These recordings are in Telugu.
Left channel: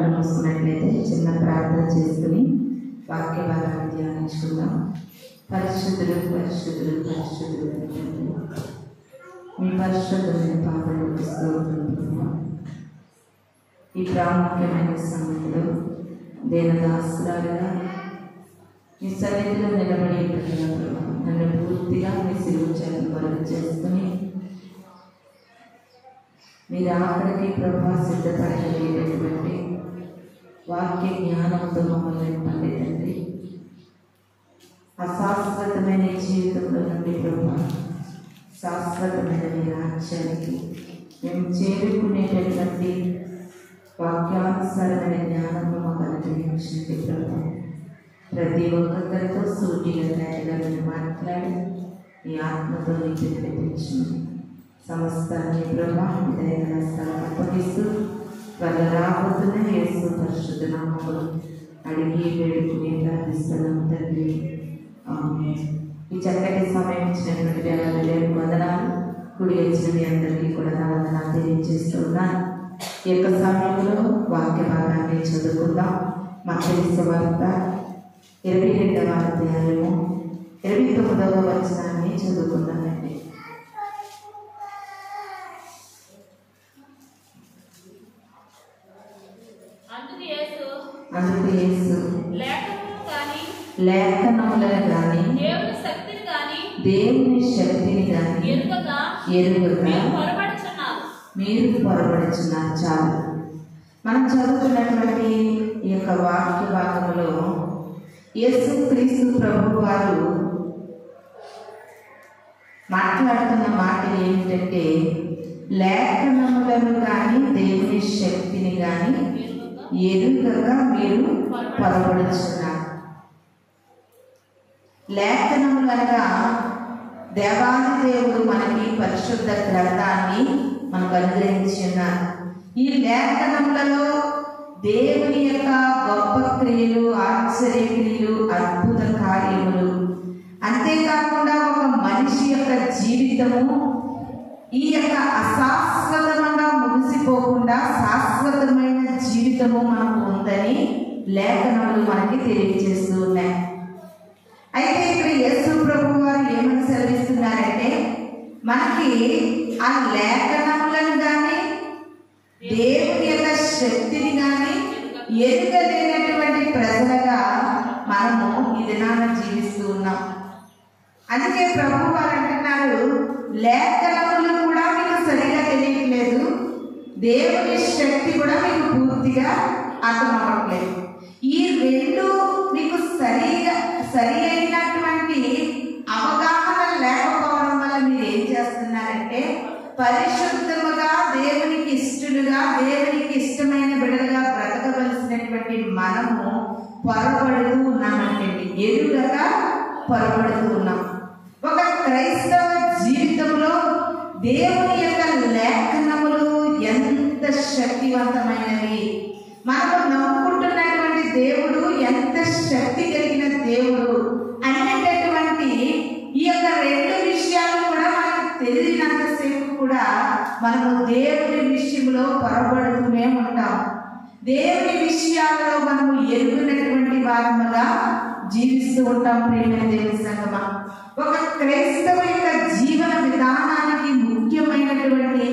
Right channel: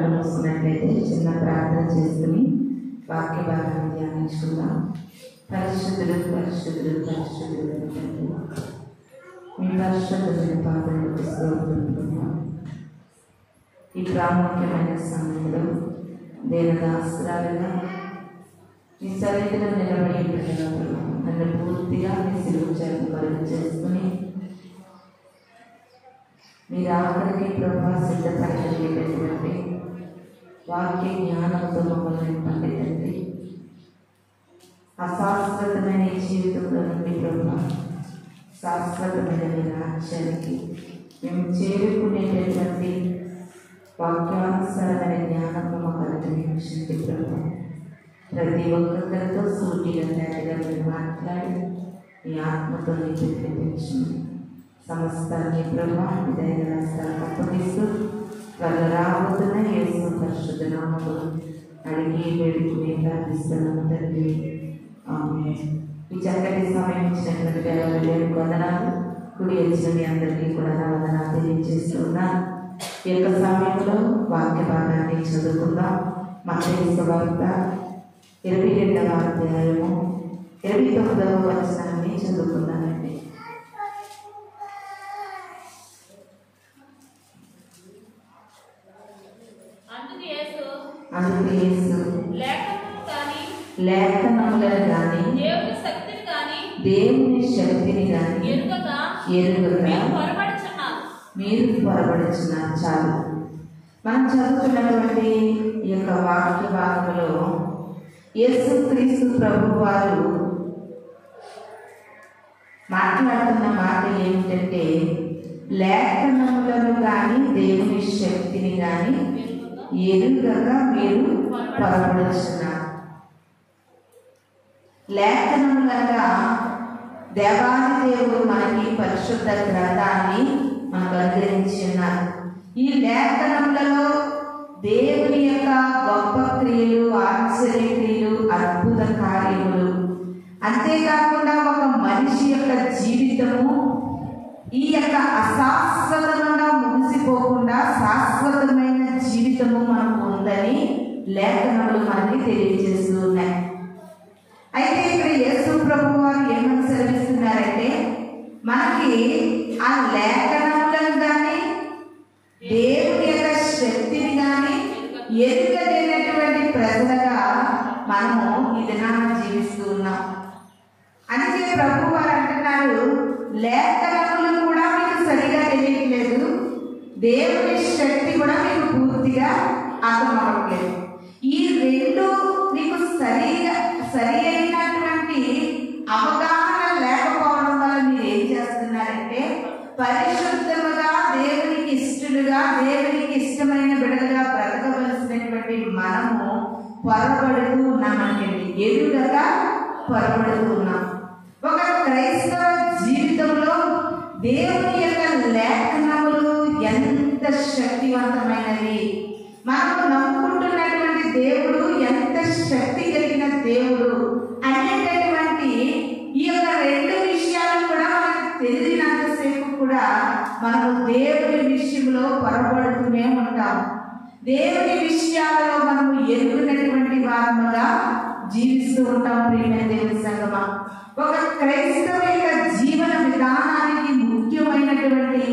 కళ్ళు మూసుకున్నట్లయితే చిన్న ప్రార్థన చేసుకుని వాక్య భాగాన్ని ధ్యానించుకుందాం. పరిశుద్ధులు పరిశుద్ధులు పరిశుద్ధులు తండ్రి, మీ పరిశుద్ధమైన పాదములకు స్తోత్రం. ఈ ప్రాముఖ్యమైన సమయంలో దేనదాస్త్రాలుగా మీ సన్నిధిలో నిలబడి నన్ను పూర్తిగా మీ సిలువచాలను కొరకు చేసుకుని మీరు ఆఖరికి ప్రభావ సిద్ధపడగలిగేటటువంటి వాక్య జ్ఞానంతో మమ్మల్ని పండితండి. అశాశ్వతమైన ఈ జీవితంలో నుండి ప్రభావ శాశ్వతమైన మీ రాజ్యానికి మేము చేరుకునేటటువంటి వాక్యానుసారమైన జ్ఞానంలో మాకు అనుగ్రహించండి ప్రభావ. ప్రతి ఒక్కరితో సూటిగా తేటగా మాట్లాడి మీ ఆత్మతో నిలిపించండి. సమస్తాన్ని ప్రభావం అప్పగిస్తూ త్వరగా రాబోతున్న యేసు పరిశుద్ధ నామములో అడిగి వేడుకుని ప్రార్థిస్తున్నాం తండ్రి. ఆమేన్. ఈ చక్కటి సమయం ఇచ్చినటువంటి దేవునికి వందనాలు. కుడి వచ్చిన మీ అందరికీ కూడా నా వందనాలు తెలియజేస్తున్నాను. ఈ యొక్క సమయంలో వాక్య భాగాన్ని చదువుకుందాం. మత్తయి సువార్త 22వ అధ్యాయము 29వ వచనాన్ని చదువుకుందామండి. అందుకు యేసు లేఖనములను గాని దేవుని శక్తిని గాని ఎరుగక మీరు పొరబడుచున్నారు. చాలు. మనం చదువుతున్నటువంటి ఈ యొక్క వాక్య భాగంలో యేసుక్రీస్తు ప్రభు వారు మాట్లాడుతున్న మాట ఏమిటంటే, లేఖనములను కానీ దేవుని శక్తిని కానీ ఎరుగగా మీరు పొరబడుచున్నారు. లేఖనములనగా దేవాది దేవుడు మనకి పరిశుద్ధ గ్రంథాన్ని మనకు అనుగ్రహించి ఉన్నారు. ఈ లేఖనములలో దేవుని యొక్క గొప్ప క్రియలు, ఆశ్చర్య క్రియలు, అద్భుత కార్యములు, అంతేకాకుండా ఒక మనిషి యొక్క జీవితము ఈ యొక్క అశాశ్వతంగా ముగిసిపోకుండా శాశ్వతమైన జీవితము మనకు ఉందని లేఖనములు మనకి తెలియజేస్తూ ఉన్నాయి. అయితే ఇక్కడ యేసు ప్రభు వారు ఏమని సెలవిస్తున్నారంటే, మనకి ఆ లేఖనములను కానీ దేవుని యొక్క శక్తిని కానీ ఎరుగలేనటువంటి ప్రజలుగా మనము ఈ దినాన జీవిస్తూ ఉన్నాం. అందుకే ప్రభు వారు అంటున్నారు, లేఖనములు కూడా మీకు సరిగా తెలియట్లేదు, దేవుని శక్తి కూడా మీకు పూర్తిగా అర్థమవట్లేదు. ఈ రెండు మీకు సరి అయినటువంటి అవగాహన లేకపోవడం వల్ల మీరు ఏం చేస్తున్నారంటే, పరిశుద్ధముగా దేవునికి ఇష్టలుగా దేవునికి ఇష్టమైన బిడ్డలుగా బ్రతకవలసినటువంటి మనము పొరబడుతూ ఉన్నామంటే, ఎరుగగా పొరబడుతూ ఉన్నాం. ఒక క్రైస్తవ జీవితంలో దేవుని యొక్క లేఖనములు ఎంత శక్తివంతమైనవి, మనము నమ్ముకుంటున్నటువంటి దేవుడు ఎంత శక్తి కలిగిన దేవుడు అనేటటువంటి ఈ యొక్క రెండు విషయాలు కూడా మనకు తెలియనంతసేపు కూడా మనము దేవుని విషయంలో పొరబడుతూనే ఉంటాం. దేవుని విషయాలలో మనము ఎరుగునటువంటి వారముగా జీవిస్తూ ఉంటాం. ప్రియమైన దేవుని సంగమా, ఒక క్రైస్తవ యొక్క జీవన విధానానికి ముఖ్యమైనటువంటి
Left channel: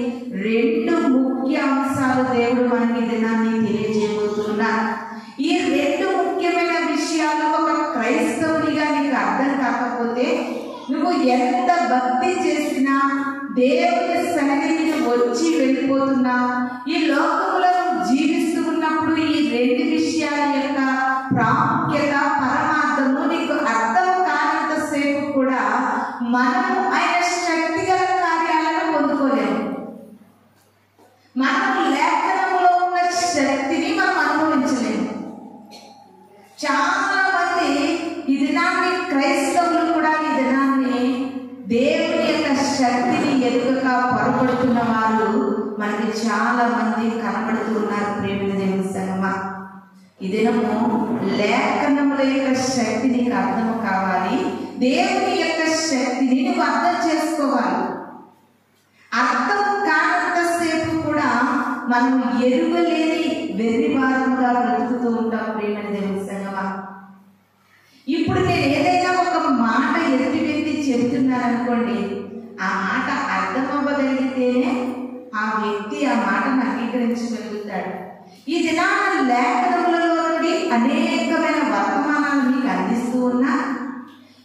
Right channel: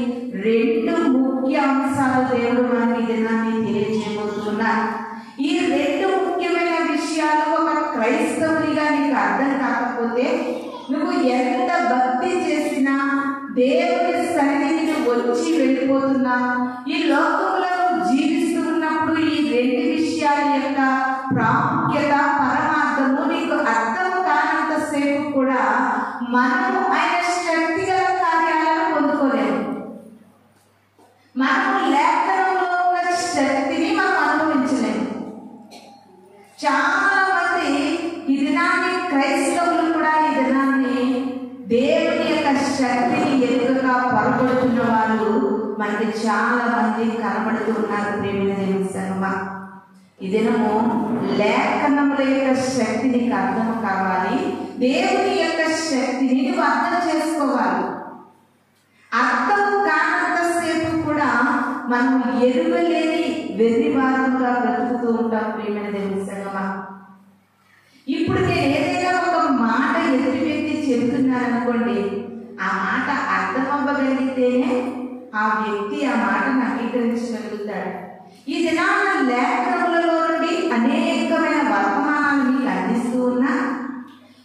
రెండు ముఖ్య అంశాలు దేవుడు మనకి దినాన్ని తెలియజేయబోతున్నారు. ఈ రెండు ముఖ్యమైన విషయాలు ఒక క్రైస్తవునిగా నీకు అర్థం కాకపోతే, నువ్వు ఎంత భక్తి చేసినా, దేవుని సన్నిధికి వచ్చి వెళ్ళిపోతున్నా, ఈ లోకంలో జీవిస్తూ ఉన్నప్పుడు ఈ రెండు విషయాల యొక్క ప్రాముఖ్యత, పరమార్థము నీకు అర్థం కానంతసేపు కూడా మనము ఆయన శక్తిగల కార్యాలను పొందుకోలేము. మనము లేఖనంలో ఉన్న శక్తిని మనం అనుభవించలేము. చాలా మంది ఈ దినాన్ని, క్రైస్తవులు కూడా ఈ దినాన్ని దేవుని యొక్క శక్తిని ఎదురుగా పొరపడుతున్న వాళ్ళు మనకి చాలా మంది కనబడుతూ ఉన్నారు. ప్రేమ దేవుని సంగమా, ఈ దినము లేఖనముల యొక్క శక్తి నీకు అర్థం కావాలి. దేవుని యొక్క శక్తిని నువ్వు అర్థం చేసుకోవాలి. అర్థం కానంతసేపు కూడా మనం ఎరుగలేని వెర్రివారముగా బ్రతుకుతూ ఉంటాం. ప్రియమైన దేవుని సంగమా, ఇప్పుడు నేను ఏదైనా ఒక మాట ఎదుటి వ్యక్తి చెబుతున్నాను అనుకోండి, ఆ మాట అర్థం అవ్వగలిగితేనే ఆ వ్యక్తి ఆ మాటను అంగీకరించగలుగుతాడు. ఈ దినాన లేఖనములలో నుండి అనేకమైన వర్తమానాలు మీకు అందిస్తూ ఉన్నా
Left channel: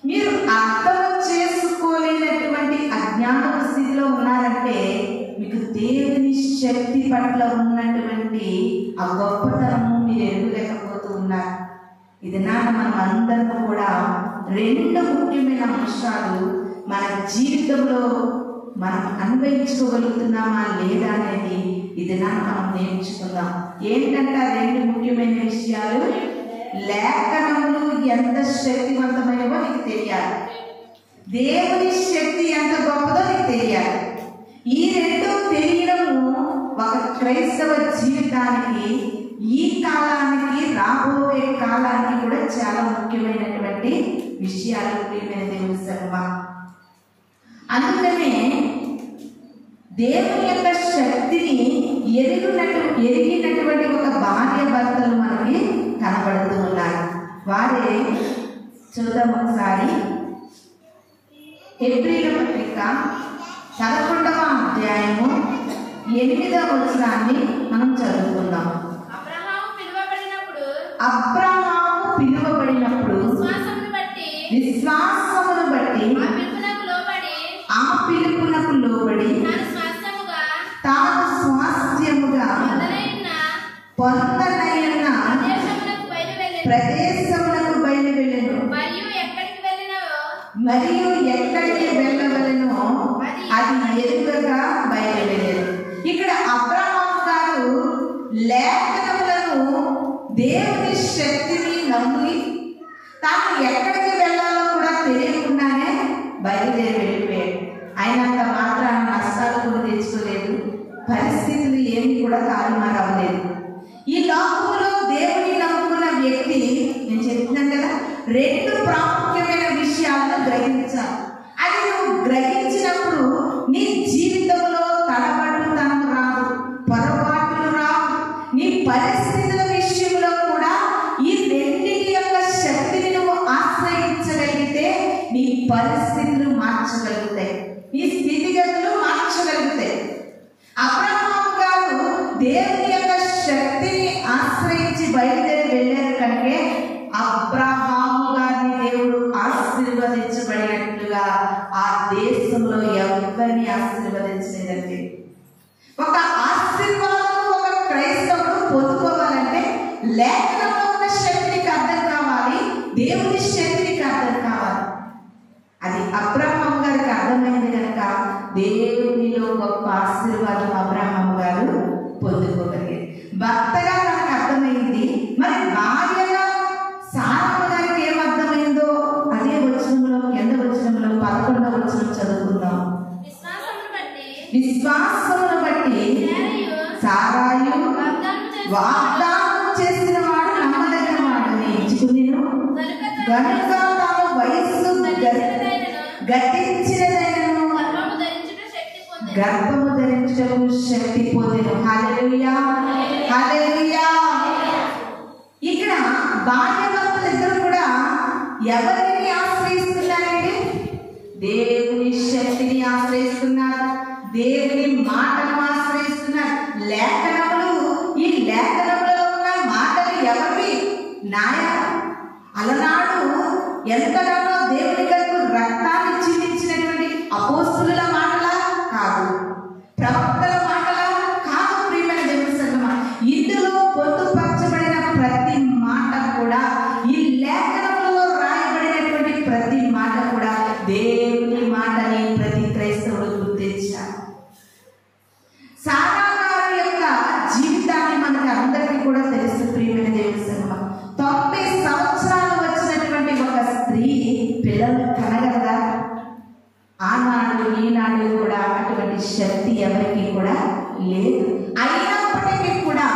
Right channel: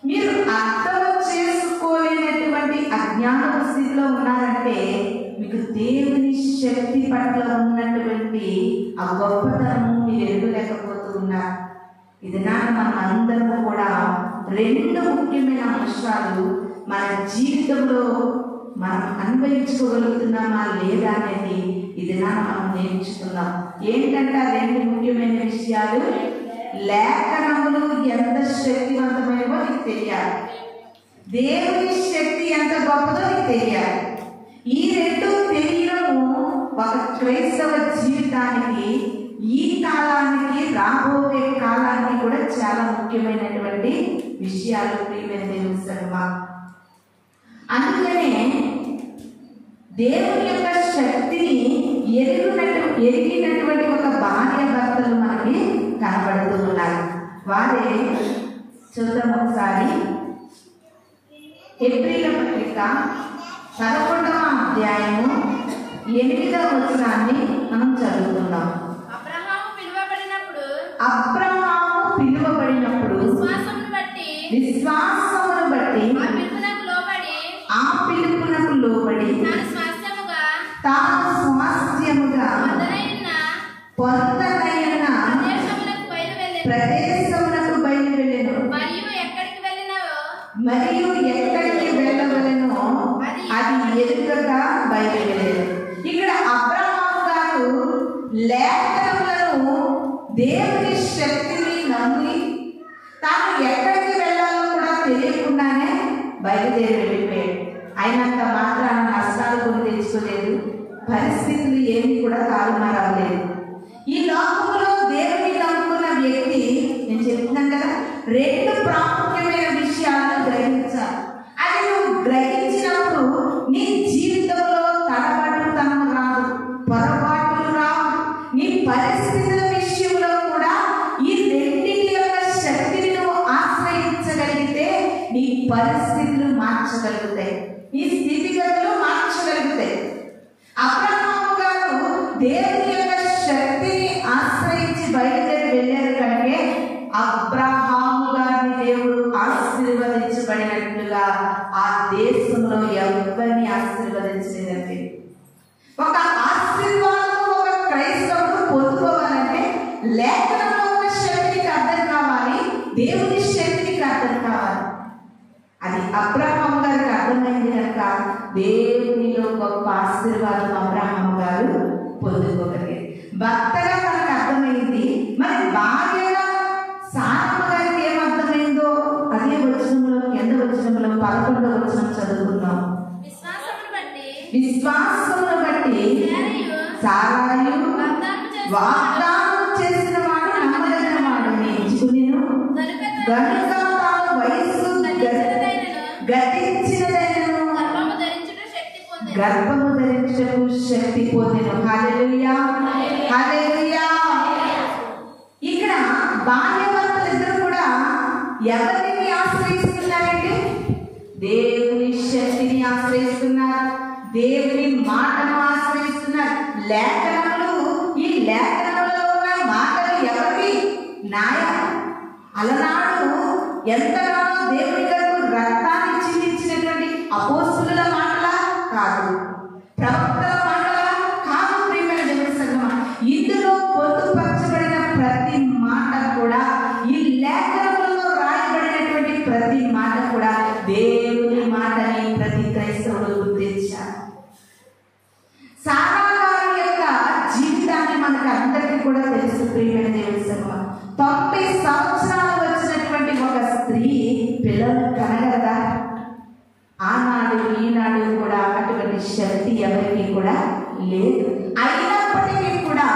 మీరు అర్థం చేసుకోలేనటువంటి అజ్ఞాన స్థితిలో ఉన్నారంటే మీకు దేవుని శక్తి పట్ల ఉన్నటువంటి ఆ గొప్పతనము మీరు ఎరుగలేకపోతూ ఉన్నారు. ఇది మనం అందరం కూడా రెండు ముఖ్యమైన అంశాలు మన జీవితంలో మనం అన్వయించుకోగలుగుతున్నామా లేదా అనేది ఇది మనం నేర్చుకుందాం. ఏంటంటే ఆ రెండు ముఖ్యమైన విషయాలు, లేఖనములు ఎంత శక్తివంతమైనవో నీకు తెలియాలి, దేవుని శక్తి ఎంత గొప్పదో నీకు తెలియాలి. ఈ రెండు తెలియడము ఒక క్రైస్తవ జీవితానికి, ఈ కాలానికి, రాబోయే కాలానికి కూడా చాలా ముఖ్యమైనటువంటి విషయాలు. ప్రియమైన దేవుని సంగమా, అందుకనే దేవుని యొక్క శక్తిని ఎరిగినటువంటి ఒక భార్య భర్తలు మనకి కనబడుతూ ఉన్నారు. వారే చూద్దాం ఒకసారి. హెబ్రీల పత్రిక 11వ అధ్యాయము 8వ వచనాన్ని మనం చదువుకుందాం. అబ్రహాము పిలువబడినప్పుడు విశ్వాసమును బట్టి ఆ పిలుపునకు లోబడి తాను స్వాస్థ్యముగా పొందనైన ప్రదేశమునకు బయలువెళ్ళెను. మరియు ఎక్కడికి వెళ్ళవలెనో అది ఎదురుగా బయలువెళ్ళెను. ఇక్కడ అబ్రహాము గారు లేఖనములను, దేవుని శక్తిని నమ్మి తాను ఎక్కడికి వెళ్ళాలో కూడా తెలియకుండానే బయలుదేరి వెళ్ళిపోయాడు. అయినంత మాత్రాన నష్టాలు కూడా తెచ్చుకోలేదు, పరిస్థితులు ఏమి కూడా తారుమారవలేదు. ఈ లోకంలో దేవుని నమ్ముకున్న వ్యక్తి, నేను చెప్తున్నాను కదా, రెండు ప్రాముఖ్యమైన విషయాలను గ్రహించాలి. అది నువ్వు గ్రహించినప్పుడు నీ జీవితంలో తడబడుతనం రాదు, పొరపాట్లు రావు. నీ పరిస్థితుల విషయంలో కూడా ఈ రెండింటి యొక్క శక్తిని నువ్వు ఆశ్రయించగలిగితే నీ పరిస్థితులు మార్చగలుగుతాయి, నీ స్థితిగతులు మార్చగలుగుతాయి. అబ్రహాము గారు దేవుని యొక్క శక్తిని ఆశ్రయించి బయలుదేరి వెళ్ళారు కనుకే అబ్రహాము గారిని దేవుడు ఆశీర్వదించబడినట్లుగా ఆ దేశంలో ఎవరిని ఆశీర్వదించలేదండి. ఒక ఆశీర్వాదం ఒక క్రైస్తవుడు పొందుకోవాలంటే లేఖనంలో ఉన్న శక్తికి అర్థం కావాలి, దేవుని శక్తికి అర్థం కావాలి. అది అబ్రహాము గారికి అర్థమైంది కనుక దేవునిలో గొప్ప ఆశీర్వాదం అబ్రహాము గారు పొందుకోగలిగారు. భర్తగా మనకు అర్థమైంది, మరి భార్యగా సారమ్మ గారికి ఏమర్థమైందో అదే వచనంలో, ఎంత వచనంలో 11వ వచనం చదువుకుందాం. విశ్వాసమును బట్టి సారాయు వాగ్దానం చేసిన వాడు నమ్మదగిన వాడని ఎంచుకునేను గనుక తాను వయస్సు గతించినదైనను గర్భము ధరించటకు శక్తి పొందెను. హల్లెలూయా, హల్లెలూయా. ఇక్కడ భార్యాభర్తలు ఇద్దరు కూడా ఎవరిని ఆశ్రయిస్తున్నారంటే దేవుని శక్తిని ఆశ్రయిస్తున్నారు, దేవుని మాటను ఆశ్రయిస్తున్నారు. లేఖనములు, ఈ లేఖనములో ఉన్న మాటలు ఎవరివి? నాయన అలనాడు ఎంతగానో దేవుని కొరకు రక్తాన్ని చిందించినటువంటి అపోస్తుల మాటలా కాదు, ప్రవక్తల మాటలా కాదు. ప్రియమైన దేవుని సంగమా, ఇందులో పొందుపరచబడిన ప్రతి మాట కూడా, ఈ లేఖనంలో రాయబడినటువంటి ప్రతి మాట కూడా దేవుని మాటని ప్రతి క్రైస్తవుడు గుర్తించాలి. సారా గారి యొక్క జీవితాన్ని మనకు అందరికీ కూడా తెలుసు. ప్రియమైన దేవుని సంగమా, 90 సంవత్సరాలు వచ్చినటువంటి ఒక స్త్రీ పిల్లలు కనగలదా? ఆనాడు ఈనాడు కూడా అటువంటి శక్తి ఎవరికి కూడా లేదు. అయినప్పటికీ కూడా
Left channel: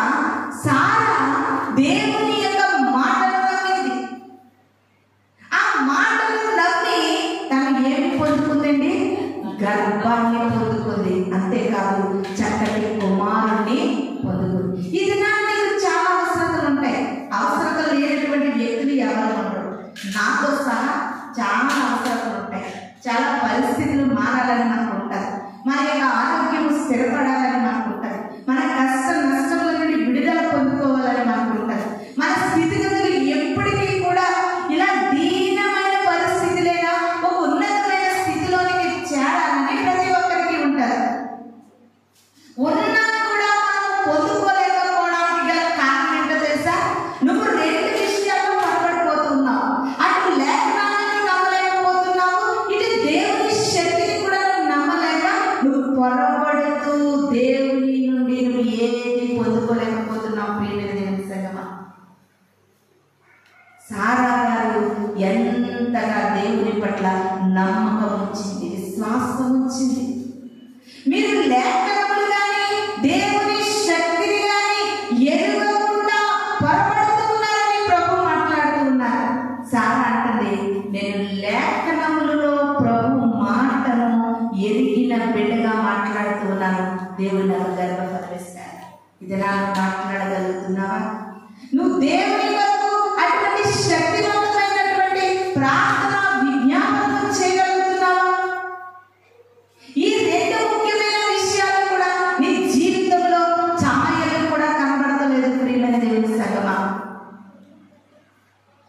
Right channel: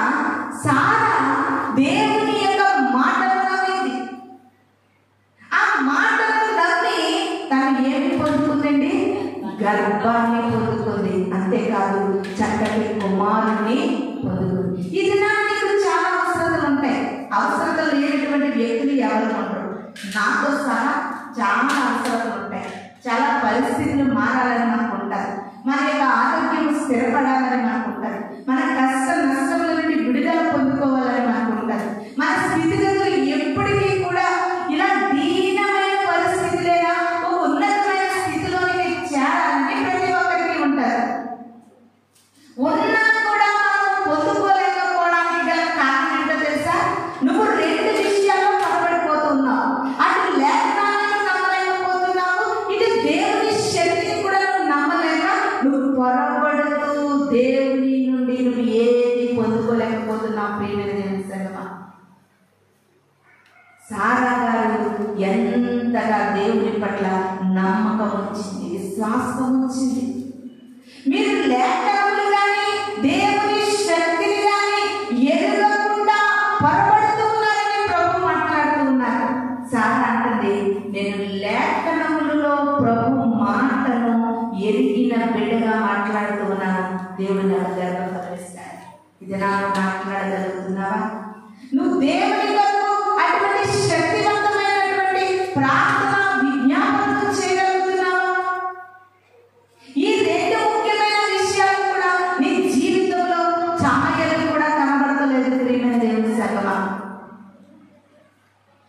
సారా దేవుని యొక్క మాటలు నమ్మింది. ఆ మాటలు నమ్మి తను ఏమి పొందుకుందండి? గర్భాన్ని పొందుకుంది. అంతేకాదు, చక్కటి కుమారుణ్ణి ఇది నాకు మాట్లాడగలుగుతున్నావా? నువ్వు దేవుని వరకు అటువంటి శక్తివంతమైనటువంటి ప్రార్థన విజ్ఞాపనం చేయగలుగుతున్నావా? ఈ రెండు ముఖ్యమైన విషయాలు కూడా నీ జీవితంలో ఛాయలు కూడా కనబడతలేదు ప్రియమైన దేవుని సభలో.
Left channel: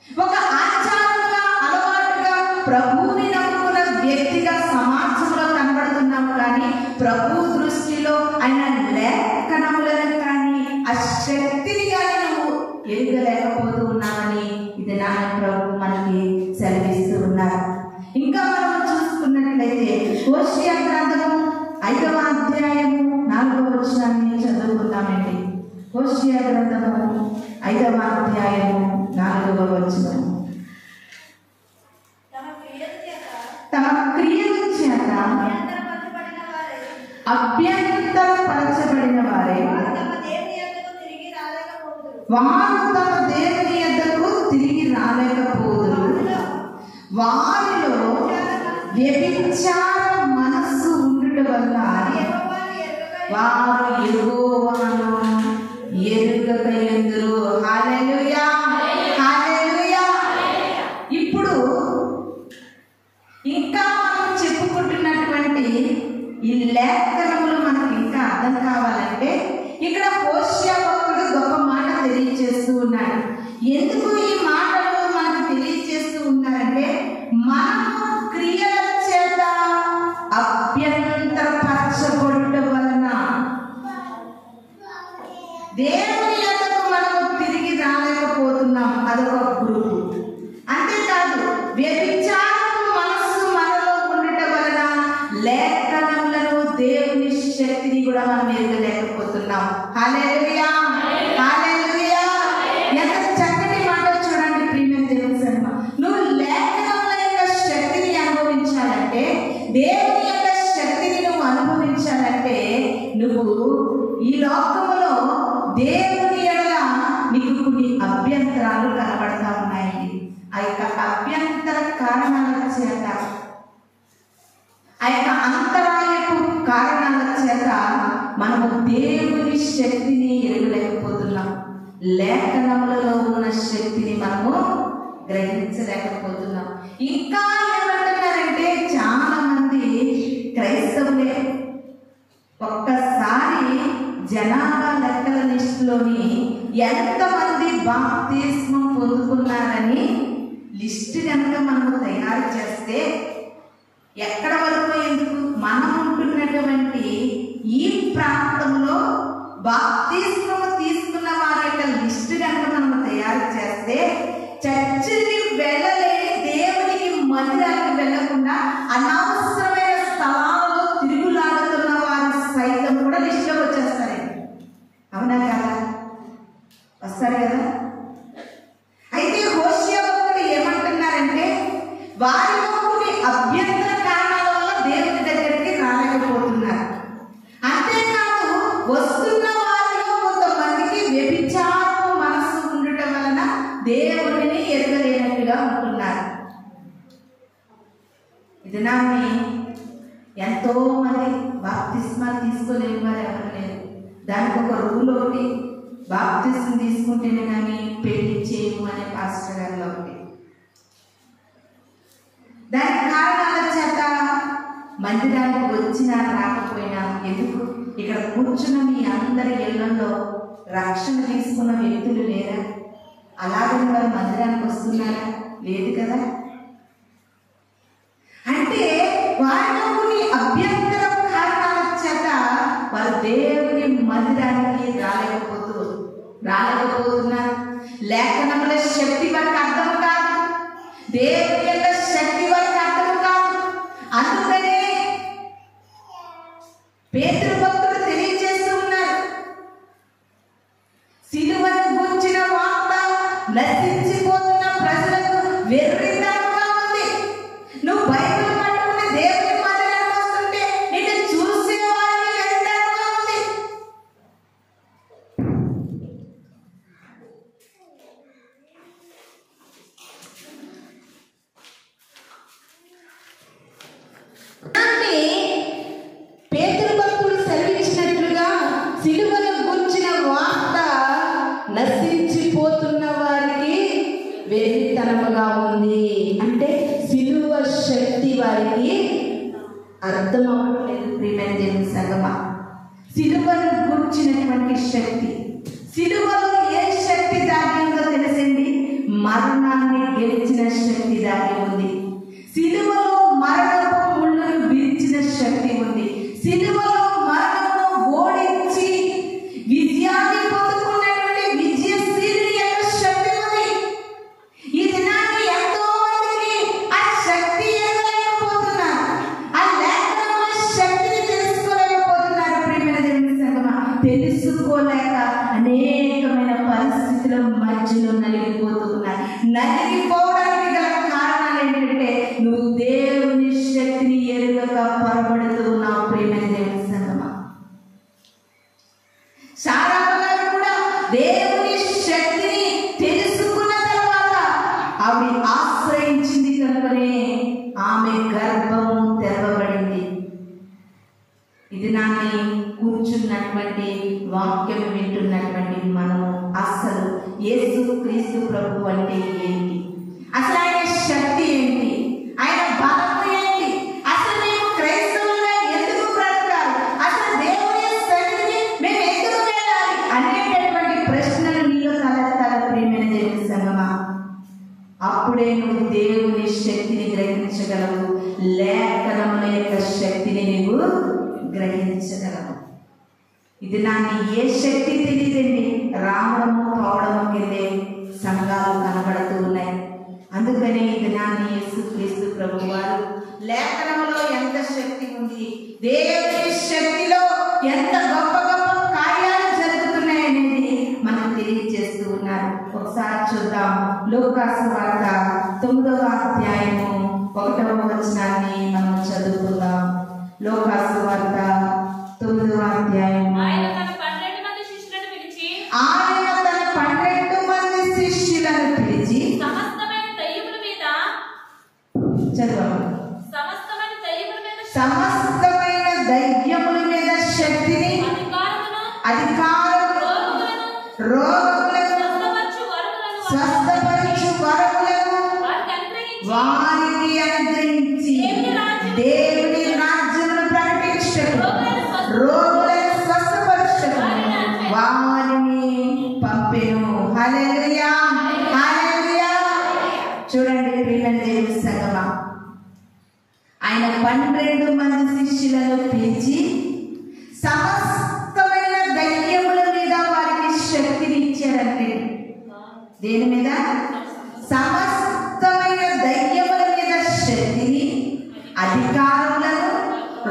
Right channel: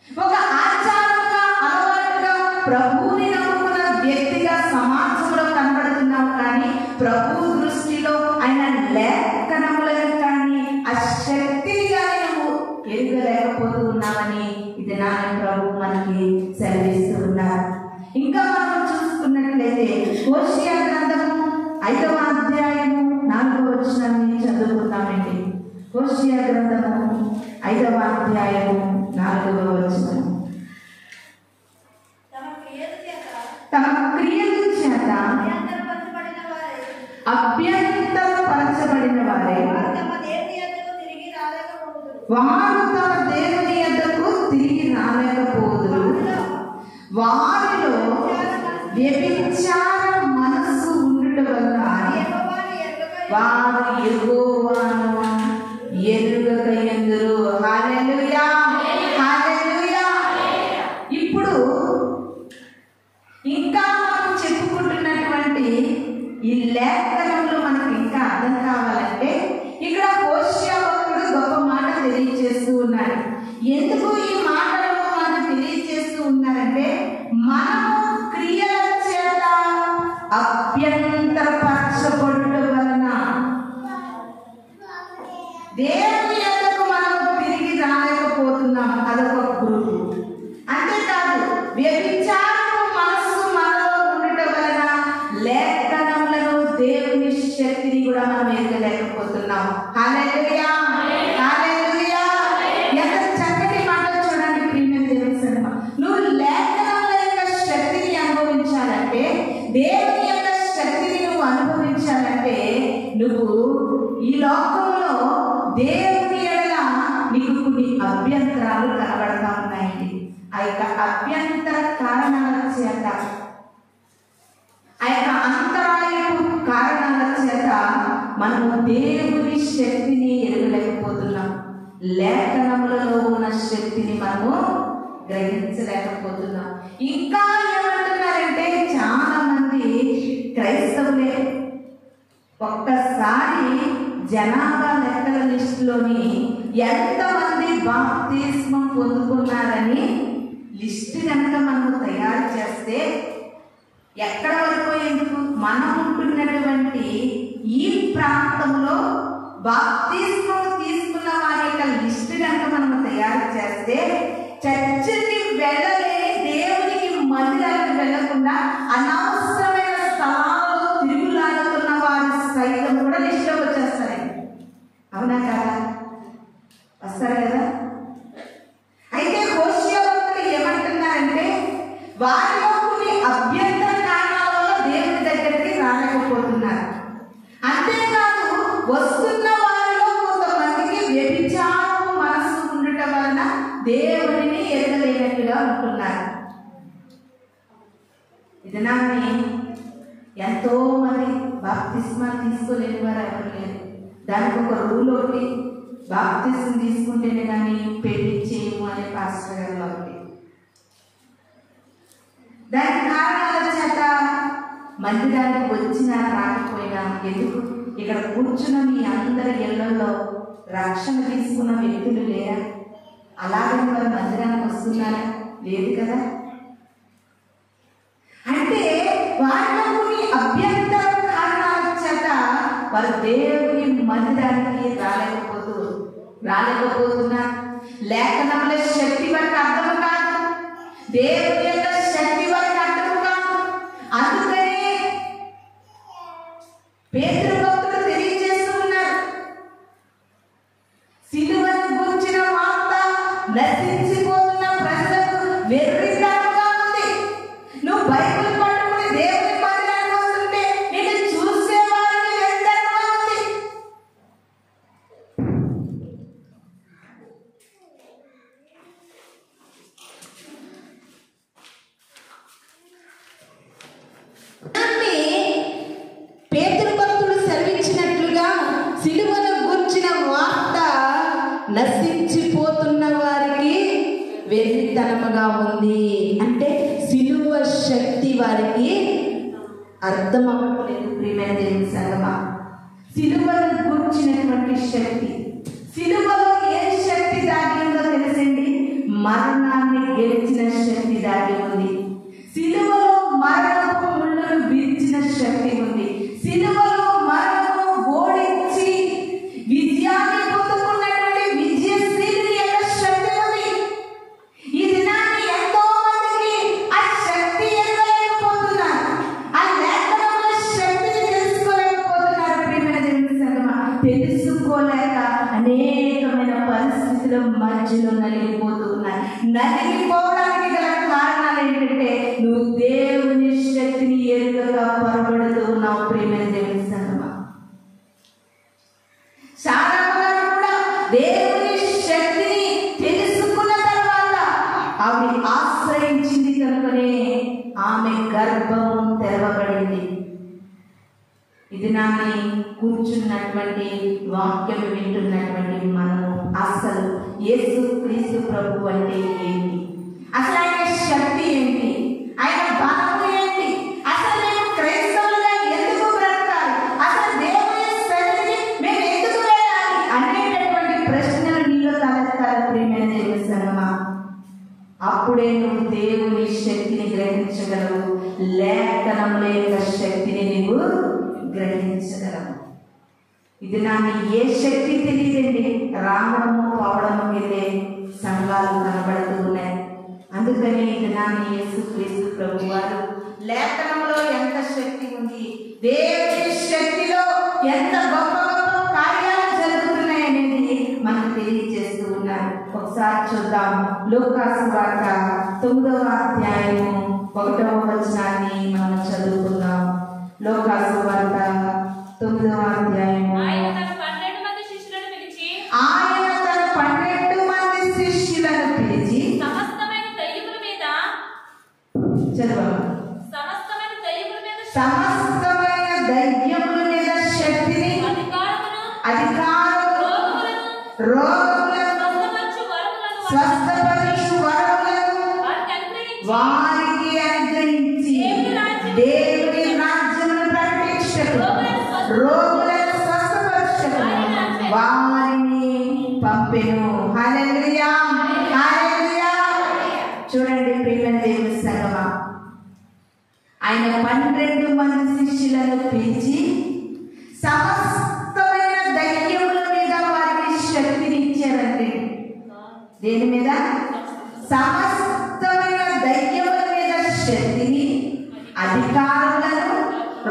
ఒక ఆచారంగా అలవాటుగా ప్రభువుని నమ్ముకున్న వ్యక్తిగా సమాజంలో కనబడుతున్నావు, కానీ ప్రభు దృష్టిలో ఆయన లేఖనములను కానీ ఆ శక్తిగా నువ్వు ఎరగలేకపోతూ ఉన్నావని ఇది నా ప్రభు మనకి సెలవిస్తూ ఉన్నారు. ఇంకా మనం చూసుకున్నట్లయితే హోషేయ గ్రంథము 5వ అధ్యాయము 4వ వచనాన్ని చదువుకుందామండి. హోషేయ గ్రంథము 5వ అధ్యాయము 4వ వచనం. తమ క్రియల చేత అభ్యంతరపరచబడిన వారే వారు తమ దేవుని యొద్దకు తిరిగి రాలేకపోదురు. వారిలో వ్యభిచార మనస్సు ఉండుట వల్ల వారు యెహోవాను ఎరుగకయందురు. హల్లెలూయా, హల్లెలూయా. ఇప్పుడు ఇంకా మనం చెప్పుకుంటున్నటువంటి ఈ లేఖనములు మనకు ఇంకా అర్థం కావాలంటే ఇక్కడ హోషేయ భక్తుడు గొప్ప మాట తెలియజేస్తూ ఉన్నాడు. ఎందుకు ఈ మాటలు మనకు తెలియజేస్తూ ఉన్నారంటే మనము క్రియల చేత అభ్యంతరపరచబడుట వలన దేవుని యొద్దకు మనం తిరిగి రాలేకపోతున్నాం. అదొక గ్రూపు. అంతేకాదు వ్యభిచారము మనస్సు మనలో ఉండటం వలన లేఖనములను దేవుని శక్తిని కూడా మనం ఎరగలేకపోతున్నాం. హల్లెలూయా, హల్లెలూయా. ఎంత చక్కటి మాట చూడండి ప్రియమైన దేవుని సర్వ. నువ్వు లేఖనముల యొక్క శక్తిని అనుభవించాలంటే, దేవుని యొక్క శక్తిని నువ్వు అనుభవించాలంటే, నువ్వు ఈ లోకంలో దేవుని ఎడల నీకు కొన్ని అభ్యంతరాలు కనబడతా ఉన్నాయండి. ఆ యొక్క అభ్యంతర కారణాల చేత, ఆ యొక్క అంతరాయపు కారణాల చేత మనము దేవుని శక్తిని ఎరగలేకపోతున్నాం. లేఖనములలో ఉన్న శక్తిని మనము గ్రహించలేకపోతున్నాం. ఇంకా ఏమంటున్నారంటే చాలా మంది క్రైస్తవులే ఒక్కసారి జనాభా లెక్కల లిస్టులోని ఎంతమంది బాప్తిస్మం పొందుకున్నారని లిస్టు కనుక మనము తయారు చేస్తే ఎక్కడ వరకు ఎందుకు మనం ఉంటున్నటువంటి ఈ ప్రాంతంలో బాప్తిస్మం తీసుకున్న వారి యొక్క లిస్టు కనుక మనము తయారు చేస్తే చర్చికి వెళ్ళలేని, దేవునికి మందిరానికి వెళ్ళకుండా అనవసరమైన స్థలాల్లో తిరుగులాడుతున్న వారి సైతం కూడా లిస్టులో వచ్చేస్తారండి. అవునా కదా? వస్తారు కదా? అయితే హోషేయ భక్తుడు ఏమంటున్నారంటే వారిలో కొన్ని అభ్యంతర కారణాల వల్ల దేవుని దగ్గరికి రాలేకపోతున్నారు. అంతేకాదు వస్తున్న వారిలో కొంతమందికి వ్యభిచారము మనస్సు ఉండటం వలన దేవుడిని ఎరగలేనట్టుగా ఉంటున్నారు. ఇది నాన్ని ఎంతో మంది బాప్తిస్మాలు తీసుకోలేని వారు ఎవరు లేరు. దానికి ఒక రూల్ ఒకటి, బాప్తిస్మం తీసుకుంటేనే కానీ పెళ్లి చేయము అనే పాస్టర్ గారు ఒకటి. దాని కారణాల చేత మందిరానికి వచ్చినా రాకపోయినా ఎందుకు ఇక్కడ కూర్చున్న మీ అందరి ఇళ్లలో రక్షణ తీసుకున్న వ్యక్తులు లేరా? అలాగని వారు మందిరానికి వస్తున్నారా? లేదు కదా. అంటే వారిలో కొన్ని అభ్యంతర కారణాల చేత వారు దేవుని మందిరానికి రాలేకపోతున్నారు. లేఖనముల శక్తి వారికి అర్థం కాదు, దేవుని యొక్క శక్తి వారికి అర్థం కాదు. అందుకనే పేతురు భక్తుడు తెలియజేస్తూ ఉన్నారు, సిలువను గురించిన వార్త నశించిపోతున్న ప్రజలకు వెర్రితనంగా ఉంది. నువ్వు బైబిల్ పట్టుకుని దేవుని మందిరానికి వస్తుంటే నిన్ను చూసే వారికి వెర్రితనంగా ఉంది. పేతురు భక్తుడు సెలవిచ్చినట్లుగా సిలువను గురించిన నలిగిపోవడానికి గల కారణాలు ఏంటంటే నువ్వు దేవుని శక్తిని ఎరుగక పొరబడుతూ ఉన్నావు. ప్రియమైన దేవుని సంగమా, శారాము గారు కూడా దేవుని శక్తిని తెలుసుకున్న తర్వాత ఆమె ఆశ్రయించింది కనుకనే ఆమె గర్భము తెరవబడింది. ఇది నాని కూర్చున్నటువంటి వాక్యం వింటున్నటువంటి మనము అసలు యేసు క్రీస్తు ప్రభు అంటే ఏంటి, అసలు ఆయన శక్తి ఏంటి, ఆయన బలము ఏంటి, అసలు మేము క్రైస్తవులుగా ఎందుకు బ్రతకాలి, అసలు దేవుని సన్నిధిని మేము ఎందుకు వెళ్ళాలి అనేటటువంటి ప్రశ్నలు నీలో తలెత్తాలి. ప్రియమైన దేవుని సంగమా, అప్పుడే నువ్వు దేవుని శక్తిని గ్రహించగలవు, లేఖనముల యొక్క శక్తిని నీవు గ్రహించగలవు. ఇది నాకు ఏ శక్తి తెలియదండి, రావడము పోవడము కిందే సంఘాలు కనబడుతూ ఉన్నాయి. అందుకని ఇది నాన్న యేసుక్రీస్తు ప్రభు వారు లేఖనంలో ఎంత శక్తి ఉంది, దేవుని శక్తిలో ఎంత గొప్ప గొప్ప కార్యాలు జరుగుతున్నాయనేది మనకు తెలియజేస్తూ ఉన్నారు. ఒకసారి చూద్దాం. లూకాసు వార్త 9వ అధ్యాయము 1వ వచనాన్ని మనం చదువుకుందాం. లూకాసు వార్త 9వ అధ్యాయం. ఆయన తన 12 మంది శిష్యులను పిలిచి సమస్తమైన దయ్యముల మీద శక్తిని, అధికారమును, రోగులను స్వస్థపరచు వరములను వారికి అనుగ్రహించి దేవుని రాజ్యమును ప్రకటించుటకు, రోగులను స్వస్థపరచుటకు వారిని పంపెను. హల్లెలూయా, హల్లెలూయా. చూడండి ప్రియమైన దేవుని సంగమా, ఆయన 12 మంది శిష్యులను పిలిచి సమస్తమైన దయ్యముల మీద వారికి శక్తిని ఇచ్చారంటే, దేని మీద? సమస్తమైన దయ్యముల మీద శక్తిని, అధికారులను,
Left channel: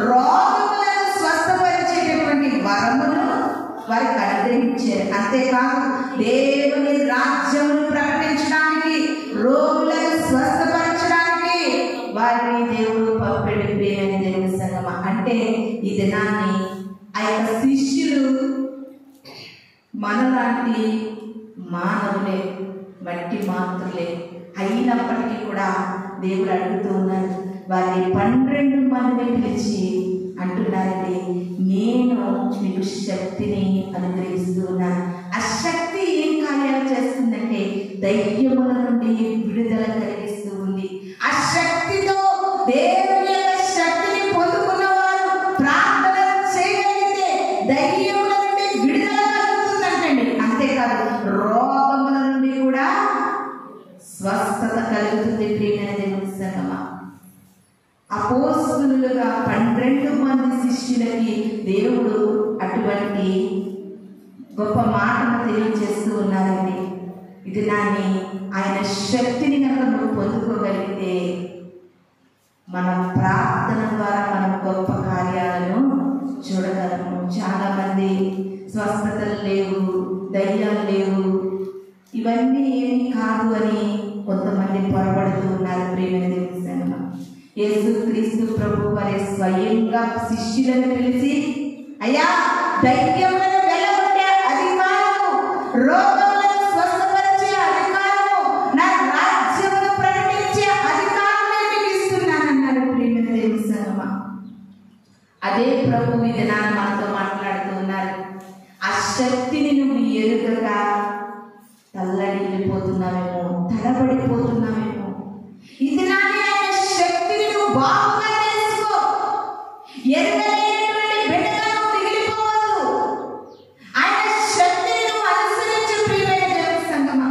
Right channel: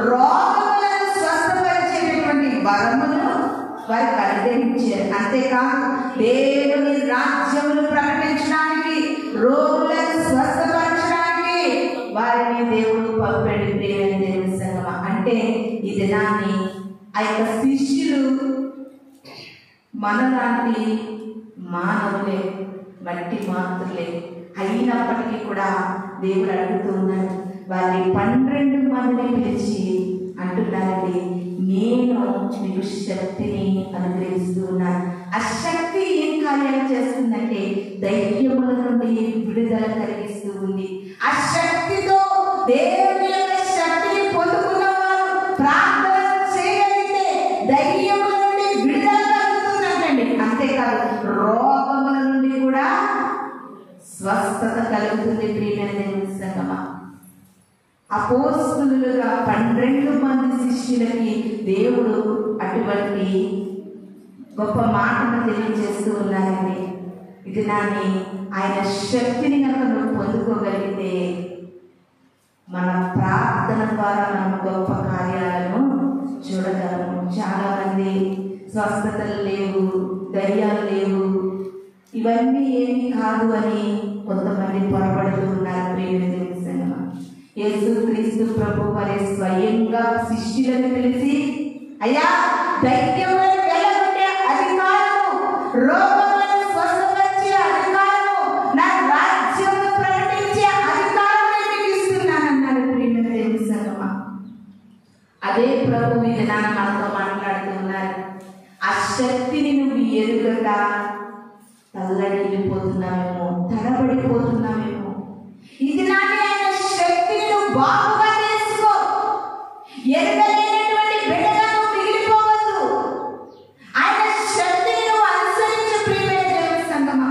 రోగులను స్వస్థపరిచేటటువంటి వరమును వారికి అనుగ్రహించారు. అంతేకాదు దేవుని రాజ్యమును ప్రకటించడానికి, రోగులను స్వస్థపరచడానికి వారిని దేవుడు పంపాడు. దేవుని సంగమా, అంటే ఈ దినాన్ని ఆ యొక్క శిష్యులు మనలాంటి మానవులే, మట్టి మాత్రులే అయినప్పటికీ కూడా దేవుడు అడుగుతూ ఉన్నారు. వారి 12 మందిని పిలిచి అంటున్నారండి, నేను మీకు శక్తిని అనుగ్రహిస్తూ ఉన్నాను. ఆ శక్తి ఏం కార్యాలు చేస్తుందంటే దయ్యముల నుండి విడుదల కలిగిస్తూ ఉంది. ఆ శక్తితో దేవుని యొక్క శక్తిని పొందుకున్న వారు ప్రార్థన చేయగలిగితే దయ్యముల నుండి విడుదల కలుగుతుందంటండి. అంతేకాదు రోగముల నుండి కూడా స్వస్థత కలుగుతుంది. ప్రియమైన దేవుని సంగమా, అపోస్తలులుగా 12 మంది శిష్యులకి దేవుడు అటువంటి గొప్ప మాటను తెలియజేస్తూ ఉన్నారండి. ఇది నాని ఆయన శక్తిని కనుక నువ్వు పొందుకోగలిగితే మన ప్రార్థన ద్వారా మనం గొప్ప కార్యాలను చూడగలము. చాలా మంది స్వస్థతలు లేవు, దయ్యాలు లేవు, ఇవన్నీ ఏమీ కాదు అని కొంతమంది పొరపడుతూ ఉన్నారు. ప్రియమైన దేవుని సంగమా, యేసుక్రీస్తు ప్రభు వారి స్వయంగా శిష్యులను పిలిచి, అయ్యా దయ్యములను వెళ్ళగొట్టే అధికారము, రోగములను స్వస్థపరిచే అధికారము, నా రాజ్యమును ప్రకటించే అధికారమే మీకు ఇస్తున్నానన్నాడు. ప్రియమైన దేవుని సంగమా, అదే ప్రభు ఈ దినాన మనతో మాట్లాడుతూ ఉన్నారు. ఆ శక్తిని నువ్వు ఎరుగగా తల్లడిల్లిపోతున్నావేమో, తడబడిపోతున్నావేమో. ఇది నాని ఆయన శక్తిని నువ్వు బాగుగా తెలుసుకో. ఎరగలేనటువంటి బిడ్డగా నువ్వు మిగిలిపోవద్దు. ఆయన శక్తిని నువ్వు అనుసరించు. ప్రియమైన దేవుని సంగమా,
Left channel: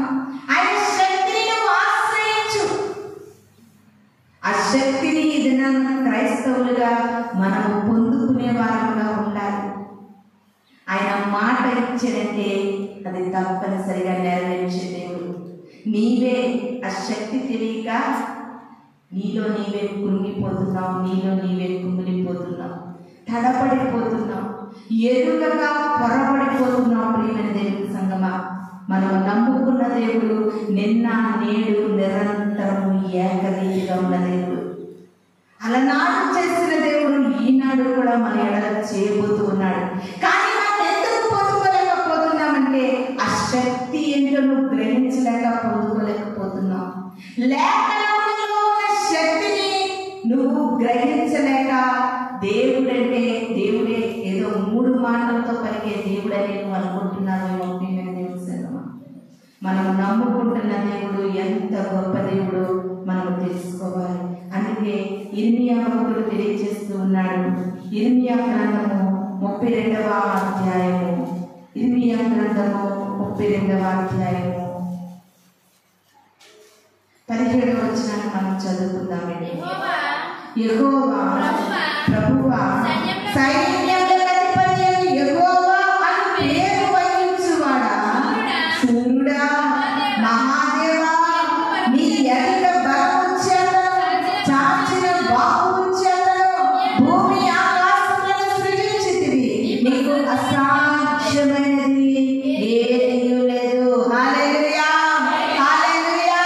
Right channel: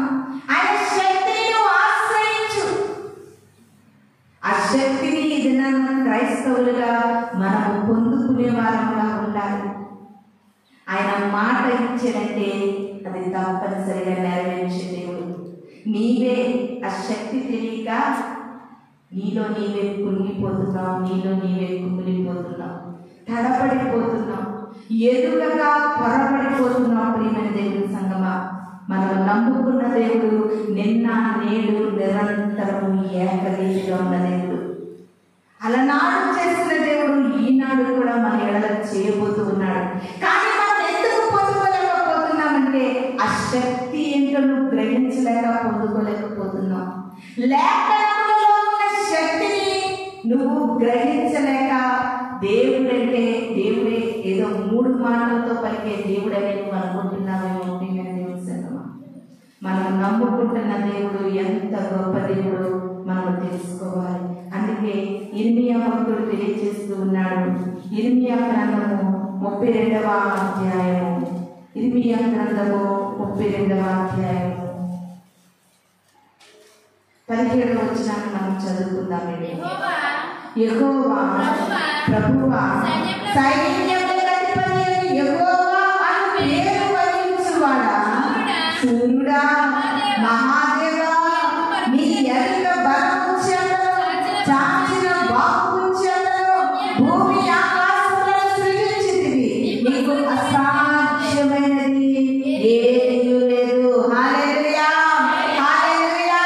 ఆయన శక్తిని నువ్వు ఆశ్రయించు. ఆ శక్తిని ఇది క్రైస్తవులుగా మనము పొందుకునే వారంగా ఉండాలి. ఆయన మాట ఇచ్చాడంటే అది తప్పనిసరిగా నెరవేర్చే దేవుడు. నీవే ఆ శక్తి తెలియక నీలో నీవే కుంగిపోతున్నావు, నీలో నీవే కుమిలిపోతున్నావు, తడబడిపోతున్నావు, ఎదుగగా పొరబడిపోతున్నావు. ప్రియమైన దేవుని సంగమా, మనం నమ్ముకున్న దేవుడు నిన్న నేడు నిరంతరము ఏకరీతిగా ఉన్న దేవుడు. అలనాడు చేసిన దేవుడు ఈనాడు కూడా మన ఎడల చేయబోతూ ఉన్నాడు. కానీ మనం ఎందుకు పొందుకోలేకపోతున్నామంటే ఆ శక్తి ఏంటో నువ్వు గ్రహించలేక పొందుకోలేకపోతున్నావు. లేఖనంలో ఉన్న శక్తిని నువ్వు గ్రహించలేక దేవుడే ఏదో 3 మాటలతో పలికే దేవుడని నువ్వు అనుకుంటున్నావేమో. మనం నమ్ముకుంటున్న దేవుడు ఎంత గొప్ప దేవుడు మనం తెలుసుకోవాలి. అందుకే ఇర్మియా భక్తుడు తెలియజేస్తూ ఉన్నాడు. ఇర్మియా గ్రంథము 32వ అధ్యాయము, ఇర్మియా గ్రంథము 32వ అధ్యాయము 17వ వచనాన్ని మనం చదువుకుందాం. యెహోవా ప్రభువా సైన్యములకు అధిపతి యెహోవా అని పేరు వహించువాడా, సూర్యుడా, మహాదేవా, నీ ఎదుట బలము చేతను చాచిన బాహువు చేతను భూమి ఆకాశములను సృజించితివి. నీకు అసాధ్యమైనది ఏమీ లేదు. హల్లెలూయా, హల్లెలూయా.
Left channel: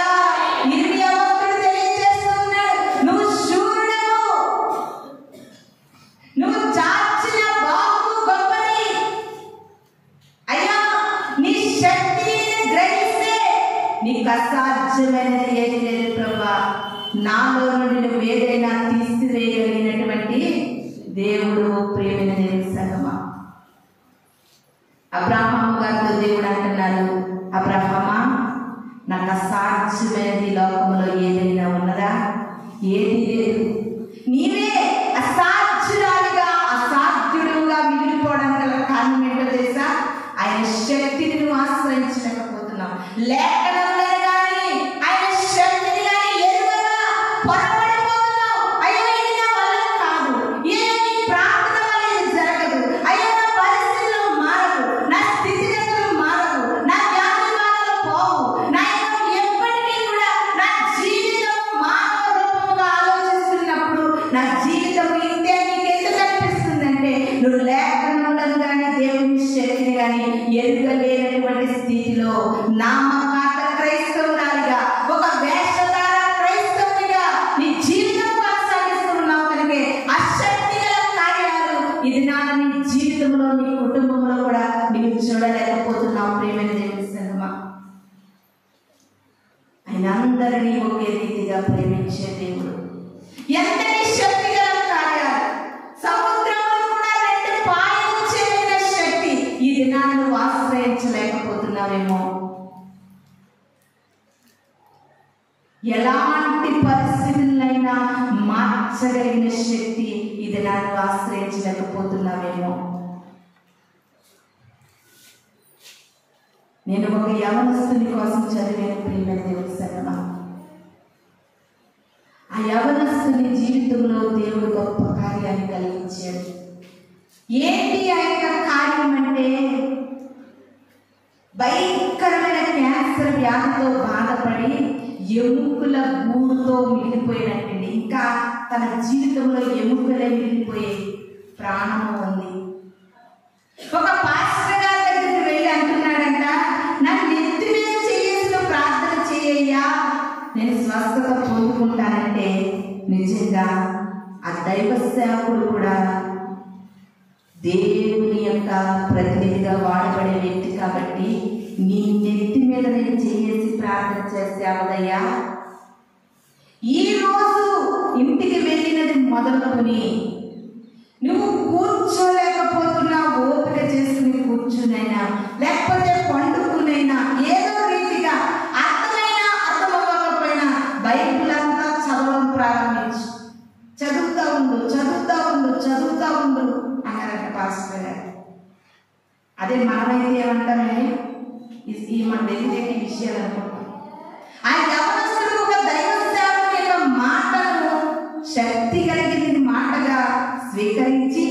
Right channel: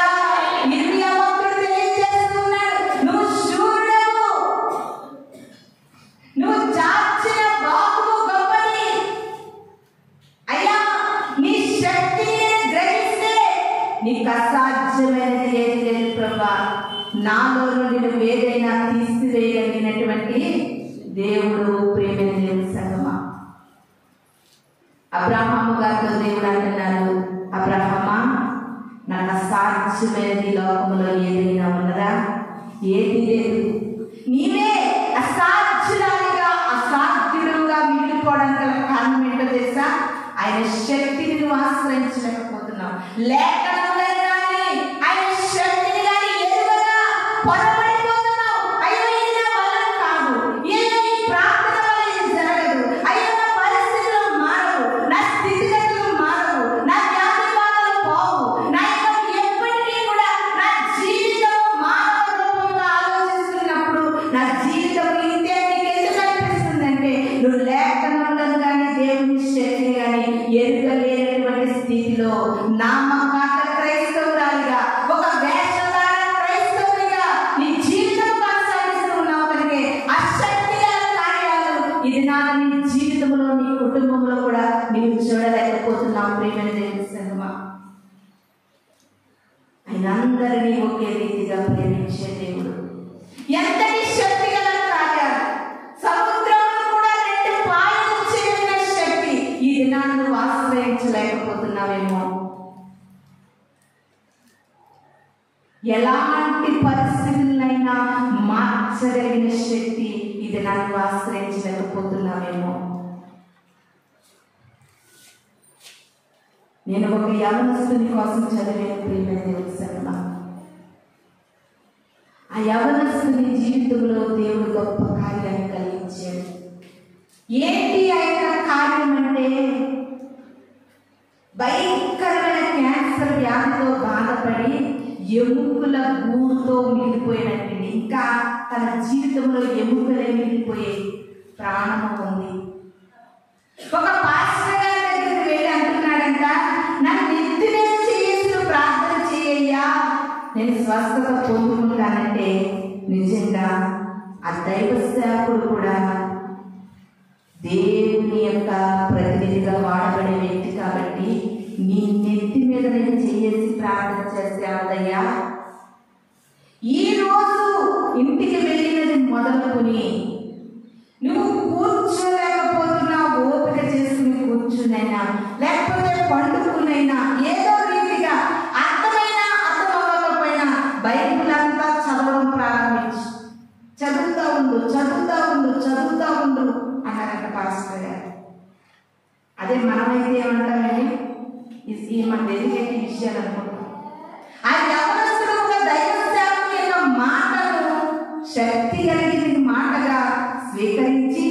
ఇర్మియా భక్తుడు తెలియజేస్తున్నాడు, నువ్వు శూరుడవు, నువ్వు చాచిన బాహువు గొప్పది. అయ్యా, నీ శక్తిని గ్రహిస్తే నీకు అసాధ్యమైనది ఏది లేదు ప్రభా. నాలో నుండి నువ్వు ఏదైనా తీసివేయగలిగినటువంటి దేవుడు. ప్రియమైన దేవుని సంగమా, అబ్రహాము గారితో దేవుడు అంటున్నాడు, అబ్రహామా, నాకు అసాధ్యమైనది లోకంలో ఏదైనా ఉన్నదా? ఏది లేదు. నీవే అసాధ్యురాలిగా అసాధ్యుడుగా మిగిలిపోవడానికి గల కారణం ఏంటో తెలుసా? ఆయన శక్తిని నువ్వు ఆశ్రయించలేకపోతున్నావు. లేఖనంలో కానీ ఆయన శక్తిని కానీ ఎరుగగా పొరపడిపోతున్నావు. అయ్యో, ఇది నా వల్ల కాదు, ఏమి ప్రార్థన వల్ల ఇది జరగదు, అయ్యో నా పరిస్థితులు మారవు, నా స్థితిగతులు మారవు, నా వ్యాధి బాధలు పోవు, నా ఎప్పటికీ కూడా నా జీవితం మానవ రూపంగా ఆలోచిస్తున్నప్పుడు నా జీవితం ఇంతే నీకు ఎందుకు అనిపిస్తుందంటే నువ్వు లేఖనంలో కానీ దేవుని శక్తిని కానీ ఎరుగలేనటువంటి స్థితిలో నామకార్థ క్రైస్తవురాలిగా, ఒక వేషధార క్రైస్తవునిగా నీ జీవితం కొనసాగిస్తున్నావు. కనుక ఆ శక్తి గల కార్యాలు ఇది నా నీ జీవితంలో నీ కుటుంబంలో కూడా నీవు చూడలేకపోతున్నావు. ప్రియమైన దేవుని సంగమా, ఆయన అందరినీ ఒకే రీతిగా ప్రేమించే దేవుడు. ఎంతటి శక్తి గల కార్యాలు, సముద్రంలో కూడా 2 పాయలు చేరిన శక్తి ఈ దినాన్ని నువ్వు ఆశ్రయించలేకపోతున్నావేమో. ఎలాంటి పరిస్థితులైనా మార్చగలిగిన శక్తి ఈ దినాన్ని నువ్వు ఆశ్రయించలేకపోతున్నావేమో. నేను ఒక యవనస్తుని కోసం చదివాను. ప్రియమైన దేవుని సంగమా, ఆ యవనస్తుని జీవితంలో దేవుడు గొప్ప కార్యాన్ని కలిగించాడు. ఏంటి ఆయన కార్యం అంటే, భయంకరమైన క్యాన్సర్ వ్యాధితో బాధపడి ఎముకల గూడుతో మిగిలిపోయినట్టు, ఇంకా తన జీవితంలో ఎముకలే మిగిలిపోయే ప్రాణము ఉంది. ఒక పాస్టర్ గారి దగ్గరికి వెళ్ళి అంటున్నాడంట, నన్ను ఎత్తి మీద చేసి ప్రార్థన చేయయ్యా, నేను స్వస్థత పొందుకుంటానంటే నిజంగా ఆ దైవ సేవకుడు కూడా దేవుని యొక్క ప్రతినిధిగా వాడబడే వ్యక్తి కాబట్టి నీ నెత్తి మీద నేను చేసి ప్రార్థన చేస్తే అవదయ్యా, ఈ రోజు ఇంటికి వెళ్ళినది మొదలుకొని నువ్వు కూర్చోలేకపోతున్నా, ఓపిక చేసుకుని కూర్చునైనా లేకపోతే పండుకునైనా ఏదో రీతిగా అర్థమైనా అర్థమవ్వకపోయినా బైబిల్ అంతా చదవడం ప్రారంభించు. చదువుతా ఉండు అన్నారంట పాస్టర్ గారు. అదే మనమైతే ఏమంటారండి, ఈ మన తెలియని విషయాలు అనుకుంటాం. ఆ యవనస్తుడు ఒక దైవ సేవకుని యొక్క మాటను శక్తి కలిగిన మాటగా స్వీకరించి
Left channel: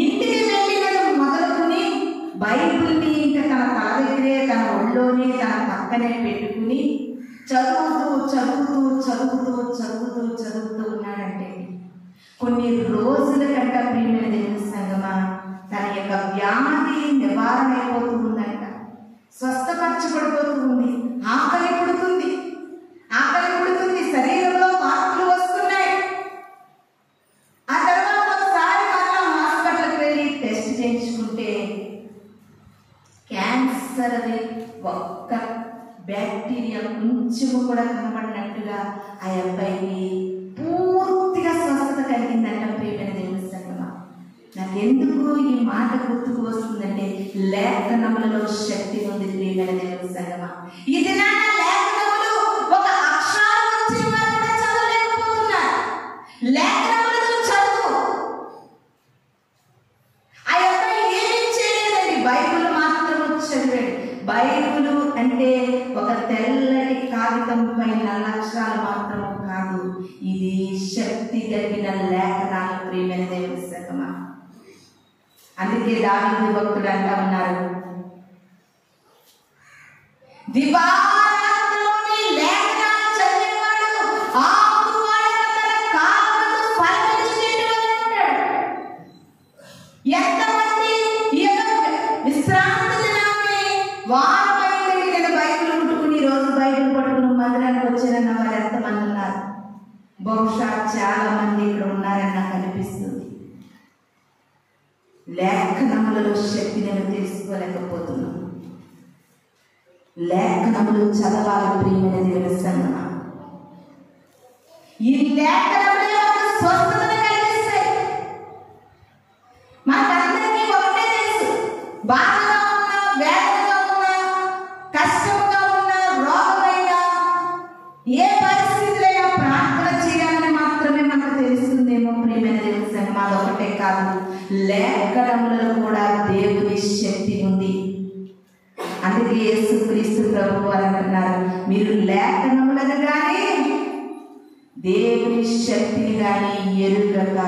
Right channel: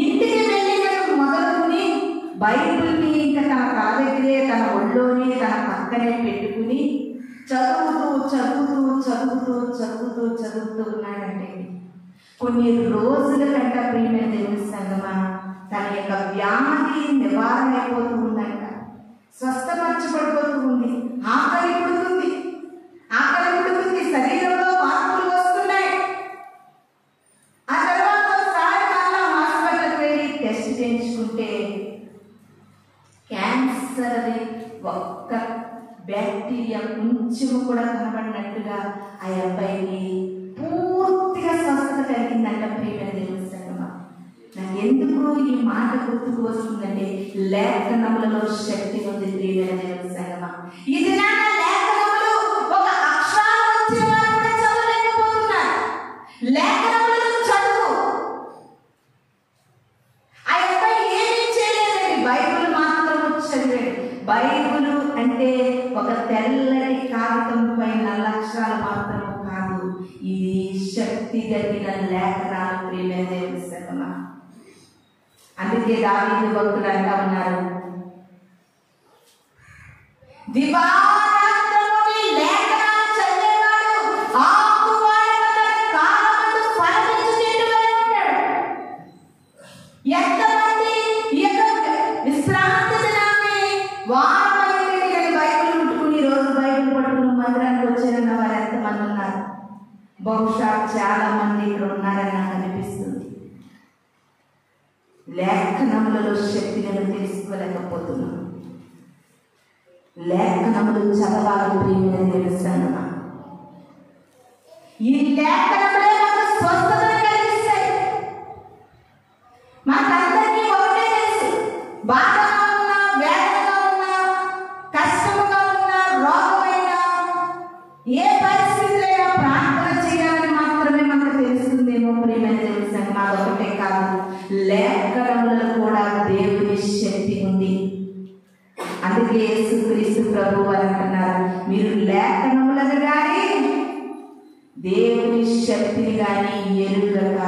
ఇంటికి వెళ్ళినది మొదలుకుని బైబిల్ని ఇంకా తన తల దగ్గరే, తన ఒళ్ళోనే, తన పక్కనే పెట్టుకుని చదువుతూ ఉన్నాడంటే కొన్ని రోజుల కంట ప్రియమైన దేవుని సంగమా తన యొక్క వ్యాధి నివారణ అయిపోతూ ఉందంట, స్వస్థపరచుకో ఆకలి పుడుతుంది, శరీరంలో మార్పులు వస్తున్నాయి. ఆ తర్వాత ఒకసారి మళ్ళా హాస్పిటల్కి వెళ్ళి టెస్ట్ చేయించుకుంటే క్యాన్సర్ అది ఒక్క బ్యాక్టీరియా కొంచెము కూడా కనబడినట్టుగా ఆ అబ్బాయికి పూర్తిగా స్వస్థత కలిగిందంట. ప్రియమైన దేవుని సంగమా, నాకు ఎందుకు ఈ మాట గుర్తుకు వస్తుందంటే లేఖనములలో శక్తి ఉంది. ప్రియమైన దేవుని సంగమా, ఇది నా లేఖనములు ఒక అక్షరాలు వచ్చే వారు కూడా చదవలేకపోతున్నారు. లేఖనములను చదువు. ఆ అబ్బాయి ఏమీ చేయలేదండి, బైబిల్ మాత్రం చదివాడు. బైబిల్ అంటే ఒక తెల్లటి కాగితం పైన అక్షరాలు మాత్రము కాదు, ఇది శక్తి కలిగిన లేఖనాలు. ప్రియమైన దేవుని సంగమా, అందుకే దావీదు భక్తుడు అంటా ఉన్నారు, దివారాత్రముని లేఖనాలు చదివేవాడు ఆకువాడక తన కాలమందు ఫలమిచ్చుచుండును అంటాడు. ఎంతమంది ఈ యొక్క విశ్రాంతి దినాన్ని వారం అయిందండి నేను బైబిల్ ముట్టుకుని రోజు బైబిల్ పట్టుకుని మందిరానికి వచ్చారన్న వారు ఎంతమంది ఉన్నారు? బహుశా చాలా మంది ఇక్కడ ఉన్నారని నాకు అనిపిస్తుంది. లేఖనములలో శక్తిని తెలుసుకోలేకపోతున్నాం. లేఖనములు చదవాలి. ప్రియమైన దేవుని సంగమా, ఈ లేఖనములే మనకు స్వస్థతను కలిగిస్తాయి. మనకందరికీ ఒకటే తెలుసు, బాధగా ఉన్నా, వేదనగా ఉన్నా, కష్టంగా ఉన్నా, రోగమైనా, ఏ పరిస్థితులైనా ప్రార్థన చేయాలని మాత్రమే మనకు తెలుస్తుందేమో. ప్రియమైన దేవుని సంగమా, ఒకటే కాదు, లేఖనములలో కూడా దేవుని శక్తి ఉంది. అందుకే యేసుక్రీస్తు ప్రభు వారు అంటున్నారు, మీరు లేఖనములను కానీ దేవుని శక్తిని కానీ ఎరుగక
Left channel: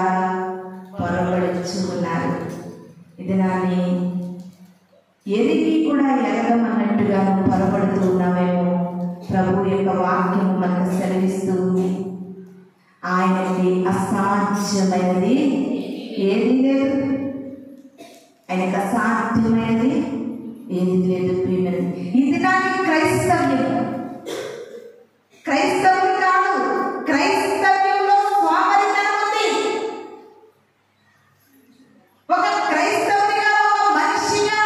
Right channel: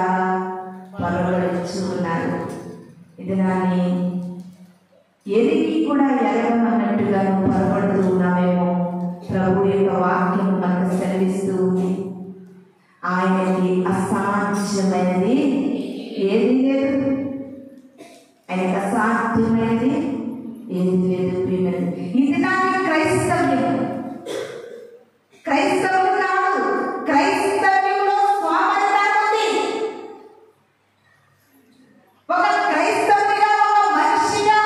పొరబడుచున్నారు. ఇది నాని ఎరిగి కూడా ఎరగమన్నట్టుగా పొరబడుతూ ఉన్నామేమో. ప్రభు యొక్క వాక్యము మనకు సెలవిస్తూ ఉంది, ఆయనకి అసాధ్యమైనది ఏది లేదు, ఆయనకు అసాధ్యమైనది ఏది లేదు. ప్రియమైనది, ఇది నాకు క్రైస్తవులు కాదు, క్రైస్తవ్యంలో స్వామరితనం ఉంది. ఒక క్రైస్తవుడిగా, ఒక మనిషిగా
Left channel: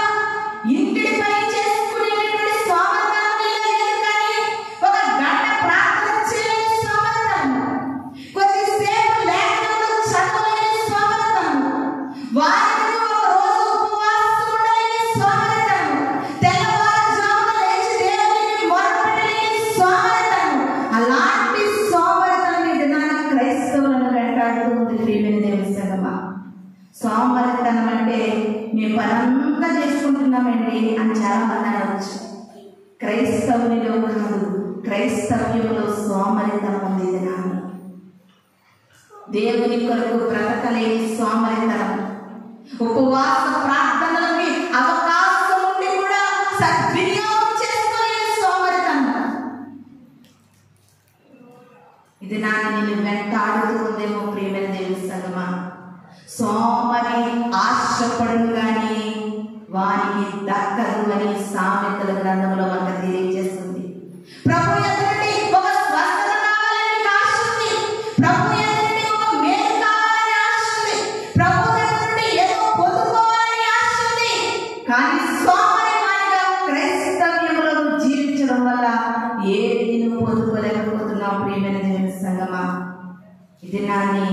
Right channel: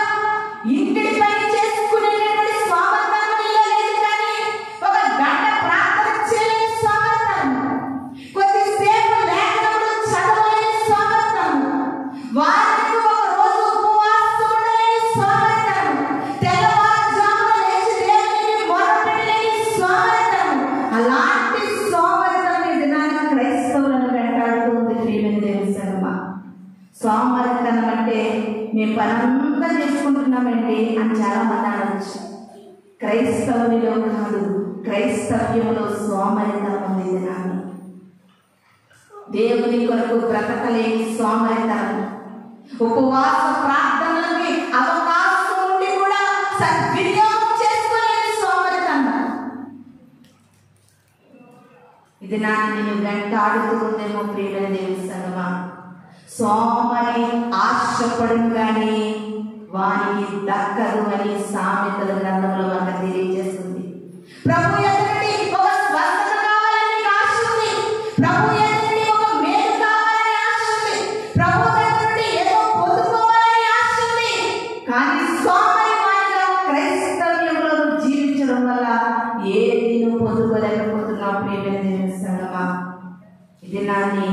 ఇంటిని పని చేసుకునేటువంటి స్వామరితనం లేదు. కానీ ఒక గంట ప్రార్థన చేయని స్వామరితనం, కొద్దిసేపు లేఖనములు చదవలేని స్వామరితనం, వారికి ఒక రోజు ఉపవాసం ఉండలేని స్వామరితనం, తెల్లవారుజామున లేచి దేవునికి మొరపెట్టలేని స్వామరితనం, అలాంటి స్వామరితనం ఈ దినాన క్రైస్తవులను వెంటాడుతూ ఉంది. ప్రియమైన దేవుని సంగమా, స్వామరితనం అంటే మేము పనంతా చేసుకుంటున్నామండి అని చాలా మంది అనవచ్చు. క్రైస్తవునిలో కాదు, క్రైస్తవ్యంలో స్వామరితనం ఉంది. దినాన్ని దేవుని కొరకు బ్రతకలేని స్వామరితనం, ఉపవాస ప్రార్థనలకి అవకాశం ఉండి కూడా సద్వినియోగం చేసుకోలేని స్వామరితనం, ఇది నాకు నేను వెంటాడుతూ ఉందేమో. ప్రియమైన దేవుని సంగమా, సోమరి ఆశపడును గాని వారికి దక్కదు అని సామెతల గ్రంథంలో మనకు తెలియజేస్తుంది. ప్రభు ఎదుటి ఒక స్వస్థత కావాలని ఆశ ఉంది, ప్రభు ఎదుటి ఒక మేలు కావాలని ఆశ ఉంది, ప్రభు ఎదుటి ఏదో పొందుకోవాలని ఆశ ఉంది. కానీ సోమరి వారిగా క్రైస్తవ్యంలో జీవించడం వల్ల ఏది నువ్వు పొందుకోలేకపోతున్నావు. ప్రియమైన దేవుని సంగమా, ఇది నాని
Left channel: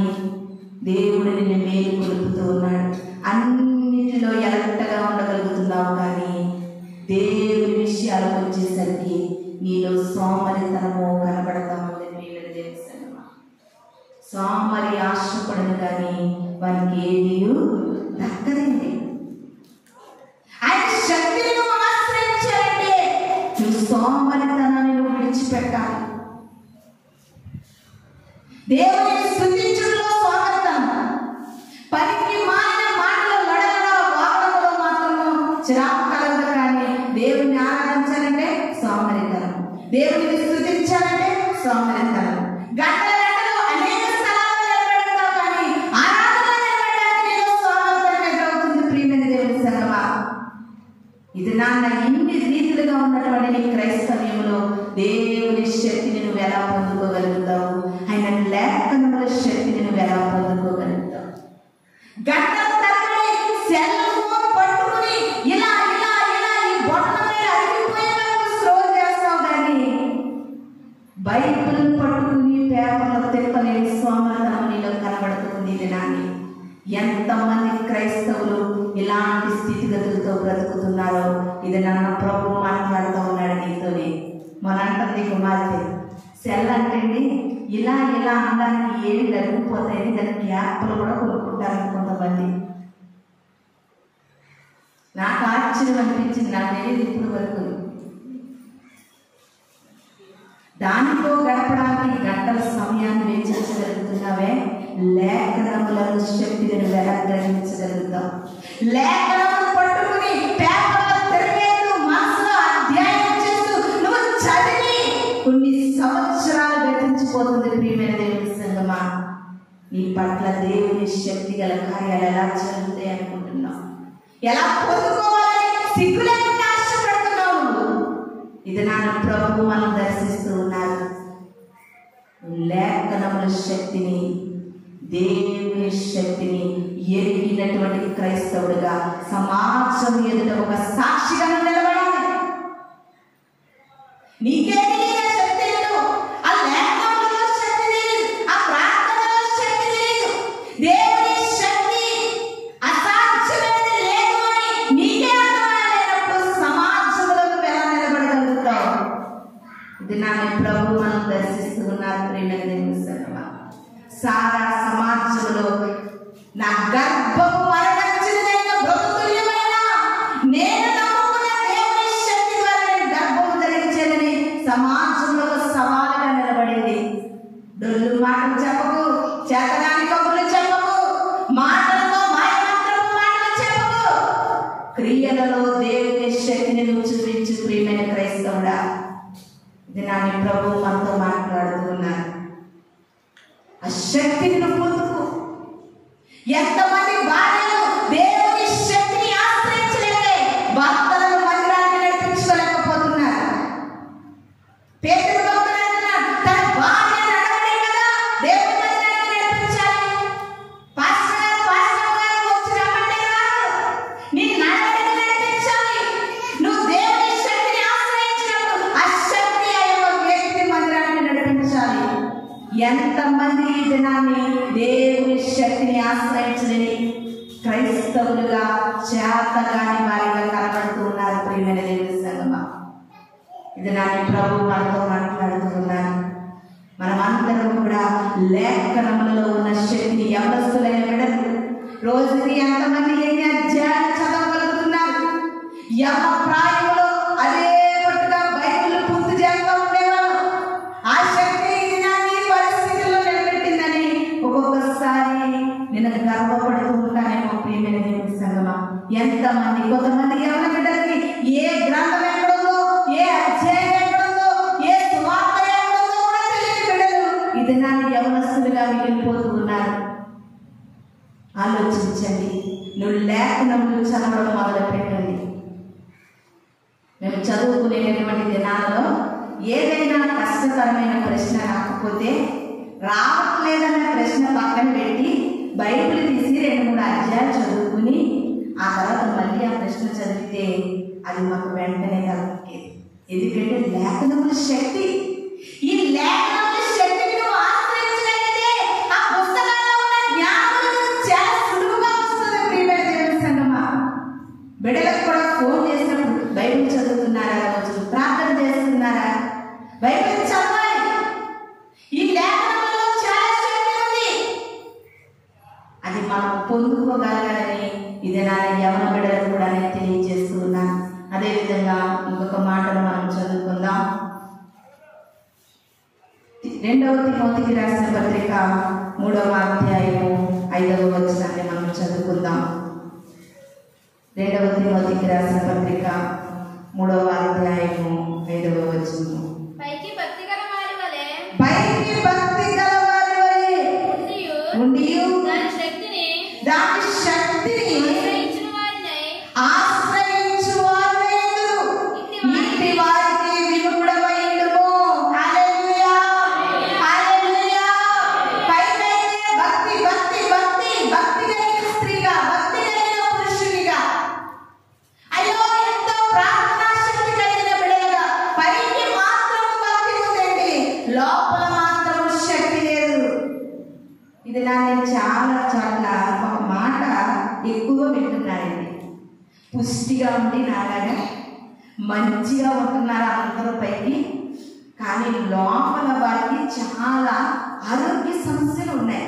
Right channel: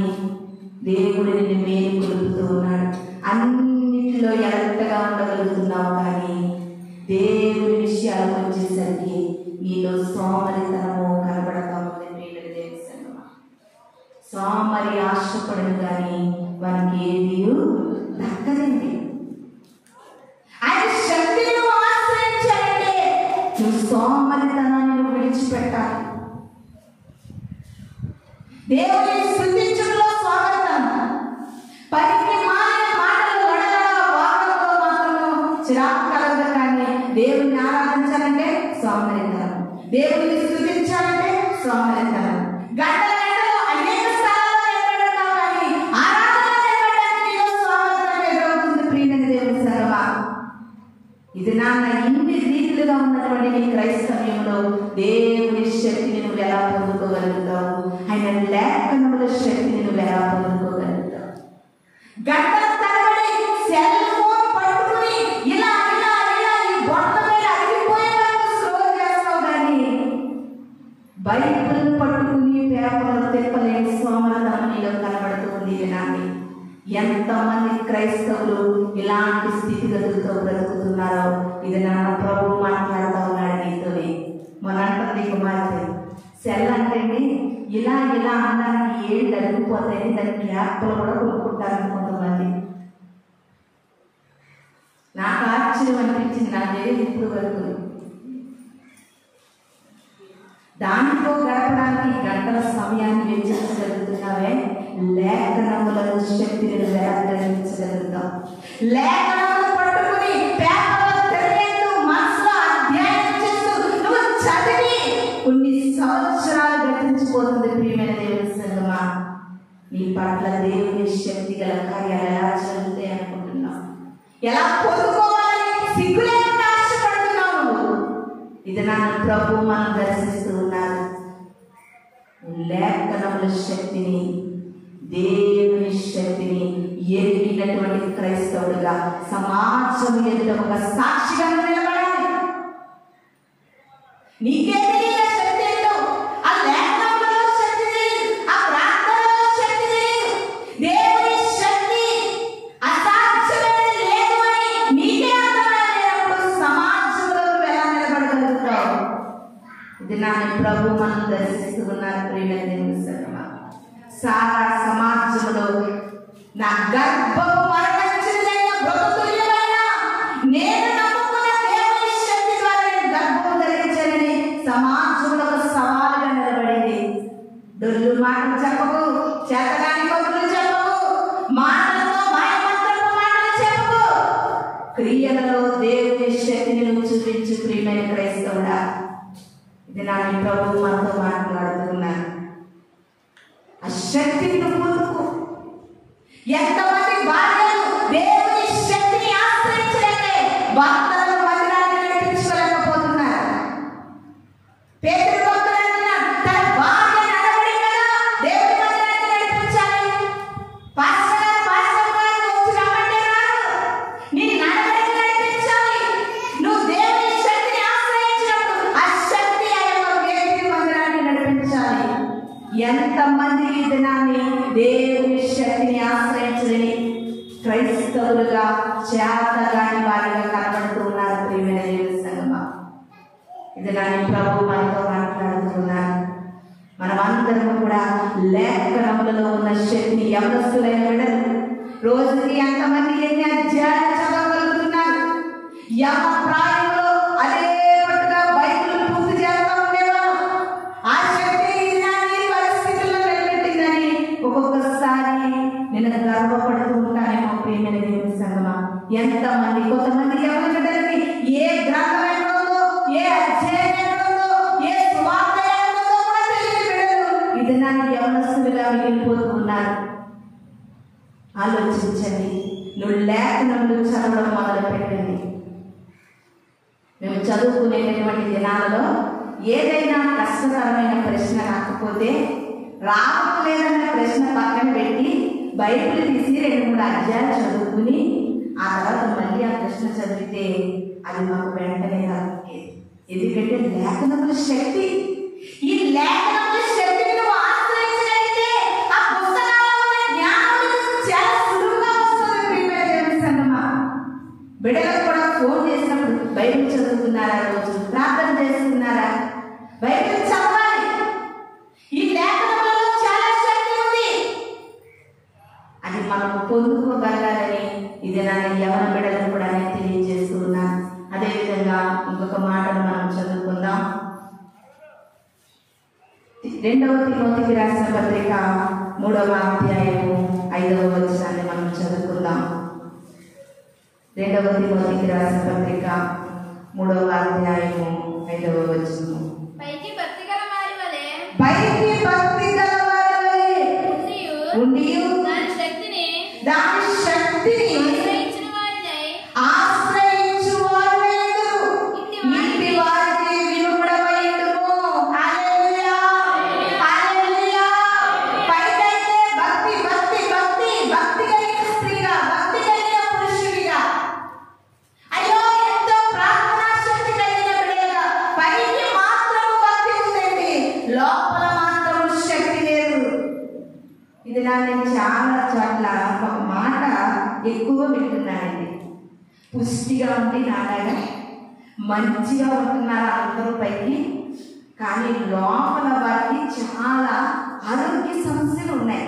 దేవుడు నిన్ను మేలు కొలుపుతూ ఉన్నాడు. అన్నిటిలో ఎలక్ట్గా ఉండగలుగుతున్నావు, కానీ దేవుని విషయాలకు వచ్చేసరికి నీలో సోమరితనము కనబడతా ఉంది. ప్రియమైన దేవుని సంగమా, సోమరి ఆశపడను కానీ వారికి ఏది దక్కదండి. ఆయన శక్తిని నువ్వు ఆశ్రయించాలంటే నువ్వు సోమరితనాన్ని విడిచిపెట్టాలి. దేవుని స్తుతించడంలో స్వాగతం, పనికి మారిన మాటలు నడవడ వాక్యంలో మాత్రము చిరాకు కలగదు. కానీ దేవుని ఆరాధించాలంటే సోమరితనం, దేవుని స్తుతించాలంటే సోమరితనం. గంటల గంటలు అనేక స్థలాల్లో నిలబడతావు, కానీ ఆరాధన నిలబడడానికి నీలో సోమరితనం ఎదురవుతుంది. ప్రియమైన దేవుని సంగమా, ఇది నాన్న ఇన్ని ఇన్ని రీతిలుగా ఉన్నటువంటి నీ క్రైస్తవ్యంలో దేవుని శక్తిని నువ్వు ఎలా పొందుకోగలుగుతావు? ఆయన లేఖనముల శక్తిని నువ్వు ఎలా పొందుకోగలుగుతావు? గంటల తరబడి సెల్ ఫోన్ పట్టుకుని ఇలా ఇలా ఇలా ఈ బొట్ల మీద అరిగిపోయేలా స్క్రోల్ చేస్తావు, కానీ బైబిల్ పట్టుకుని పేపర్లు తిప్పలేని సోమరతనం నీలో కనబడుతుంది. ఇది నాని ఎంతమంది క్రైస్తవులు ఇలాంటి స్థితిగతులతో బ్రతుకుతున్నారో ఇది నన్ను ప్రభు మాట్లాడుతూ ఉన్నాడు నీతోనే. మనంటది కుమార్తె సెల్ అంటే ఇలా ఇలా అనడానికి ఏమి జరిగిపోతాయని దానికి యాప్లు కూడా కొనుక్కుంటారు కొంతమంది. నాకు ఆశ్చర్యం అనిపించింది, నాకు తెలియదు ఇప్పుడు వరకు. దానితో గడపడానికి గంటల సమయాన్ని వెచ్చించగలుగుతున్నావే, లేఖనముల శక్తిని ఎలా గ్రహించగలుగుతాం? లేఖనములు పట్టుకుని పేపర్లో తిరిగేస్తూ మనసులో అధ్యయనం చేస్తూ నువ్వు చదివి కొన్ని సంవత్సరాలు గతించిపోతుంది. ప్రియమైన దేవుని సంగమా, నీ పట్ల దేవుని శక్తి గల కార్యాలు ఎలా జరుగుతాయి అనుకుంటున్నావు? ఎలా పొందుకోవాలని సిగ్గులేకుండా ఆశపడుతున్నావు? ఇది నా ప్రభు మనం దర్శిస్తూ ఉన్నారు. లేఖనముల శక్తిని, దేవుని శక్తిని ఎరిగినటువంటి క్రైస్తవుడిగా సమాజం ఎదుట ఒక సాక్షిగా నిలబడాలి. నీకే తెలియని శక్తి ఏంటో, ఆ లేఖనములలో శక్తి తెలియదు, ఆ ప్రార్థనలో శక్తి తెలియదు. దేవుని శక్తి అసాధ్యమైనది లేదు అని నీకే అర్థమైనప్పుడు సమాజంలో ఎలా నిలబడగలుగుతావు? ఇది నా ప్రభు మనం దర్శిస్తూ ఉన్నారు. ప్రియమైన దేవుని సంగమా, సారా సమాజంలో నా గర్భము మరణించినదైన బ్రతుకుతుల్యమైన నేను నమ్ముకున్న దేవుని శక్తి ద్వారా నేను గర్భము ధరించానని సమాజంలో సవాలుగా నిలబడింది. డొల్లు మాటలు చెప్పకు, చేతగాని కబుర్లు చెప్పకు, మాటలతో మాయమంత్రపు మాటలు చెప్పకు, క్రియలలో దేవుని శక్తిని నువ్వు చూపించు. ప్రియమైన క్రైస్తవుడా, ఇది నా ప్రభు మనతో మాట్లాడుతూ ఉన్నారు. ఆ శక్తిని నువ్వు పొందుకో. ఎంతమంది భార్యలు దేవుని శక్తిని ఆశ్రయించలేక భర్తలను మందిరాన్ని నడిపించుకోలేకపోతున్నారు. పేతురు భక్తుడు అంటున్నాడు, తన భార్య నడవడి కదా దేవుని మందిరాన్ని నడిపించాలి. పాస్టర్ గారు వచ్చి రమ్మంటే రాదు, నీ నడవడిని నడిపించాలి. నువ్వు దేవుని శక్తిని ఆశ్రయించినప్పుడు ఆ శక్తి అయ్యే వ్యక్తిని మందిరాన్ని నడిపించాలి. ఎంతమంది ఈ దినాన్ని దేవుని శక్తిని ఆశ్రయించలేని క్రైస్తవులుగా చేతగాని వారిగా కనబడుతూ ఉన్నారు. ప్రియమైన దేవుని సంగమా, ఇది నాని ప్రభు మనతో మాట్లాడుతున్నారు. మనమందరం కూడా లేఖనములలో ఉన్న శక్తిని యవనస్తులైన బిడ్డలు రోజుకి ఎంతమంది ఎన్ని అధ్యాయాలు చదవగలుగుతున్నారు? యవన ప్రాయంలో అదే పట్టుగా బైబిల్ పూర్తి చేస్తూ ఉండేవాళ్ళు. ఆ శక్తి పరిస్థితుల్లో నిలబెట్టిందని ఒక్కొక్కసారి నేను గర్వపడుతూ ఉంటానేమో. ప్రియమైన దేవుని సంగమా, ఎంతమంది కొంతమంది యవన బిడ్డలకి ఏ గ్రంథం ఎక్కడుందో, ఏ అధ్యాయం ఎక్కడుందో, ఏ సువార్త ఎక్కడుందో కూడా తెలియని బిడ్డలు ఇది నన్ను యవనస్తులుగా మిగిలిపోతూ ఉన్నారు. ఆలోచించండి, నువ్వు లేఖనములు చదవడం మొదలు పెట్టండి. మేము చదువుకునేటటువంటి దినాలలో ఏదైనా కష్టతరమైన ప్రశ్న రాకపోతే రావట్లేదన్న ప్రశ్న పక్కన పెట్టి బైబిల్ తీసి 2-3 అధ్యాయాలు చదువుకుని ఆ తర్వాత మళ్ళీ ఆ ప్రశ్న చదివితే అది మాకు వెంటనే తగ్గుతుంది. ఎందుకంటే లేఖనముల శక్తి, ఈ లేఖనముల శక్తిని నువ్వు ఆశ్రయించగలిగితే ఆ పుస్తకాల్లో ఉన్న జ్ఞానం చాలా సులువుగా వస్తుంది. ప్రియమైన దేవుని సంగమా, బిడ్డలకు కూడా ఫోన్ చేసినప్పుడు బైబిల్ చదువుతున్నారా, రోజు ప్రార్థన చేస్తున్నారా, బైబిల్ చదవాలి. ఈ లేఖనంలో చాలా శక్తి ఉంది, అది మనం పొందుకోగలగాలని ఇది నా యవన బిడ్డలకు కూడా నేను తెలియజేస్తున్నాను. అదేవిధంగా ఇంకొక మాటను మనం చదువుకుందాం. 2వ తిమోతికి రాసిన పత్రిక 3వ అధ్యాయము 5వ వచనాన్ని మనం చదువుకుందాం. 2వ తిమోతికి రాసిన పత్రిక 3వ అధ్యాయము 5వ వచనం. పైకి భక్తి గల వారి వలె ఉండియు దాని శక్తిని ఆశ్రయించు వారు మంది నాలాగా మంచిగా ఉంటున్నారు అందరూ పైకి, కానీ లోపల వారికి చాలా ఆరోగ్య సమస్యలు ఉన్నాయి.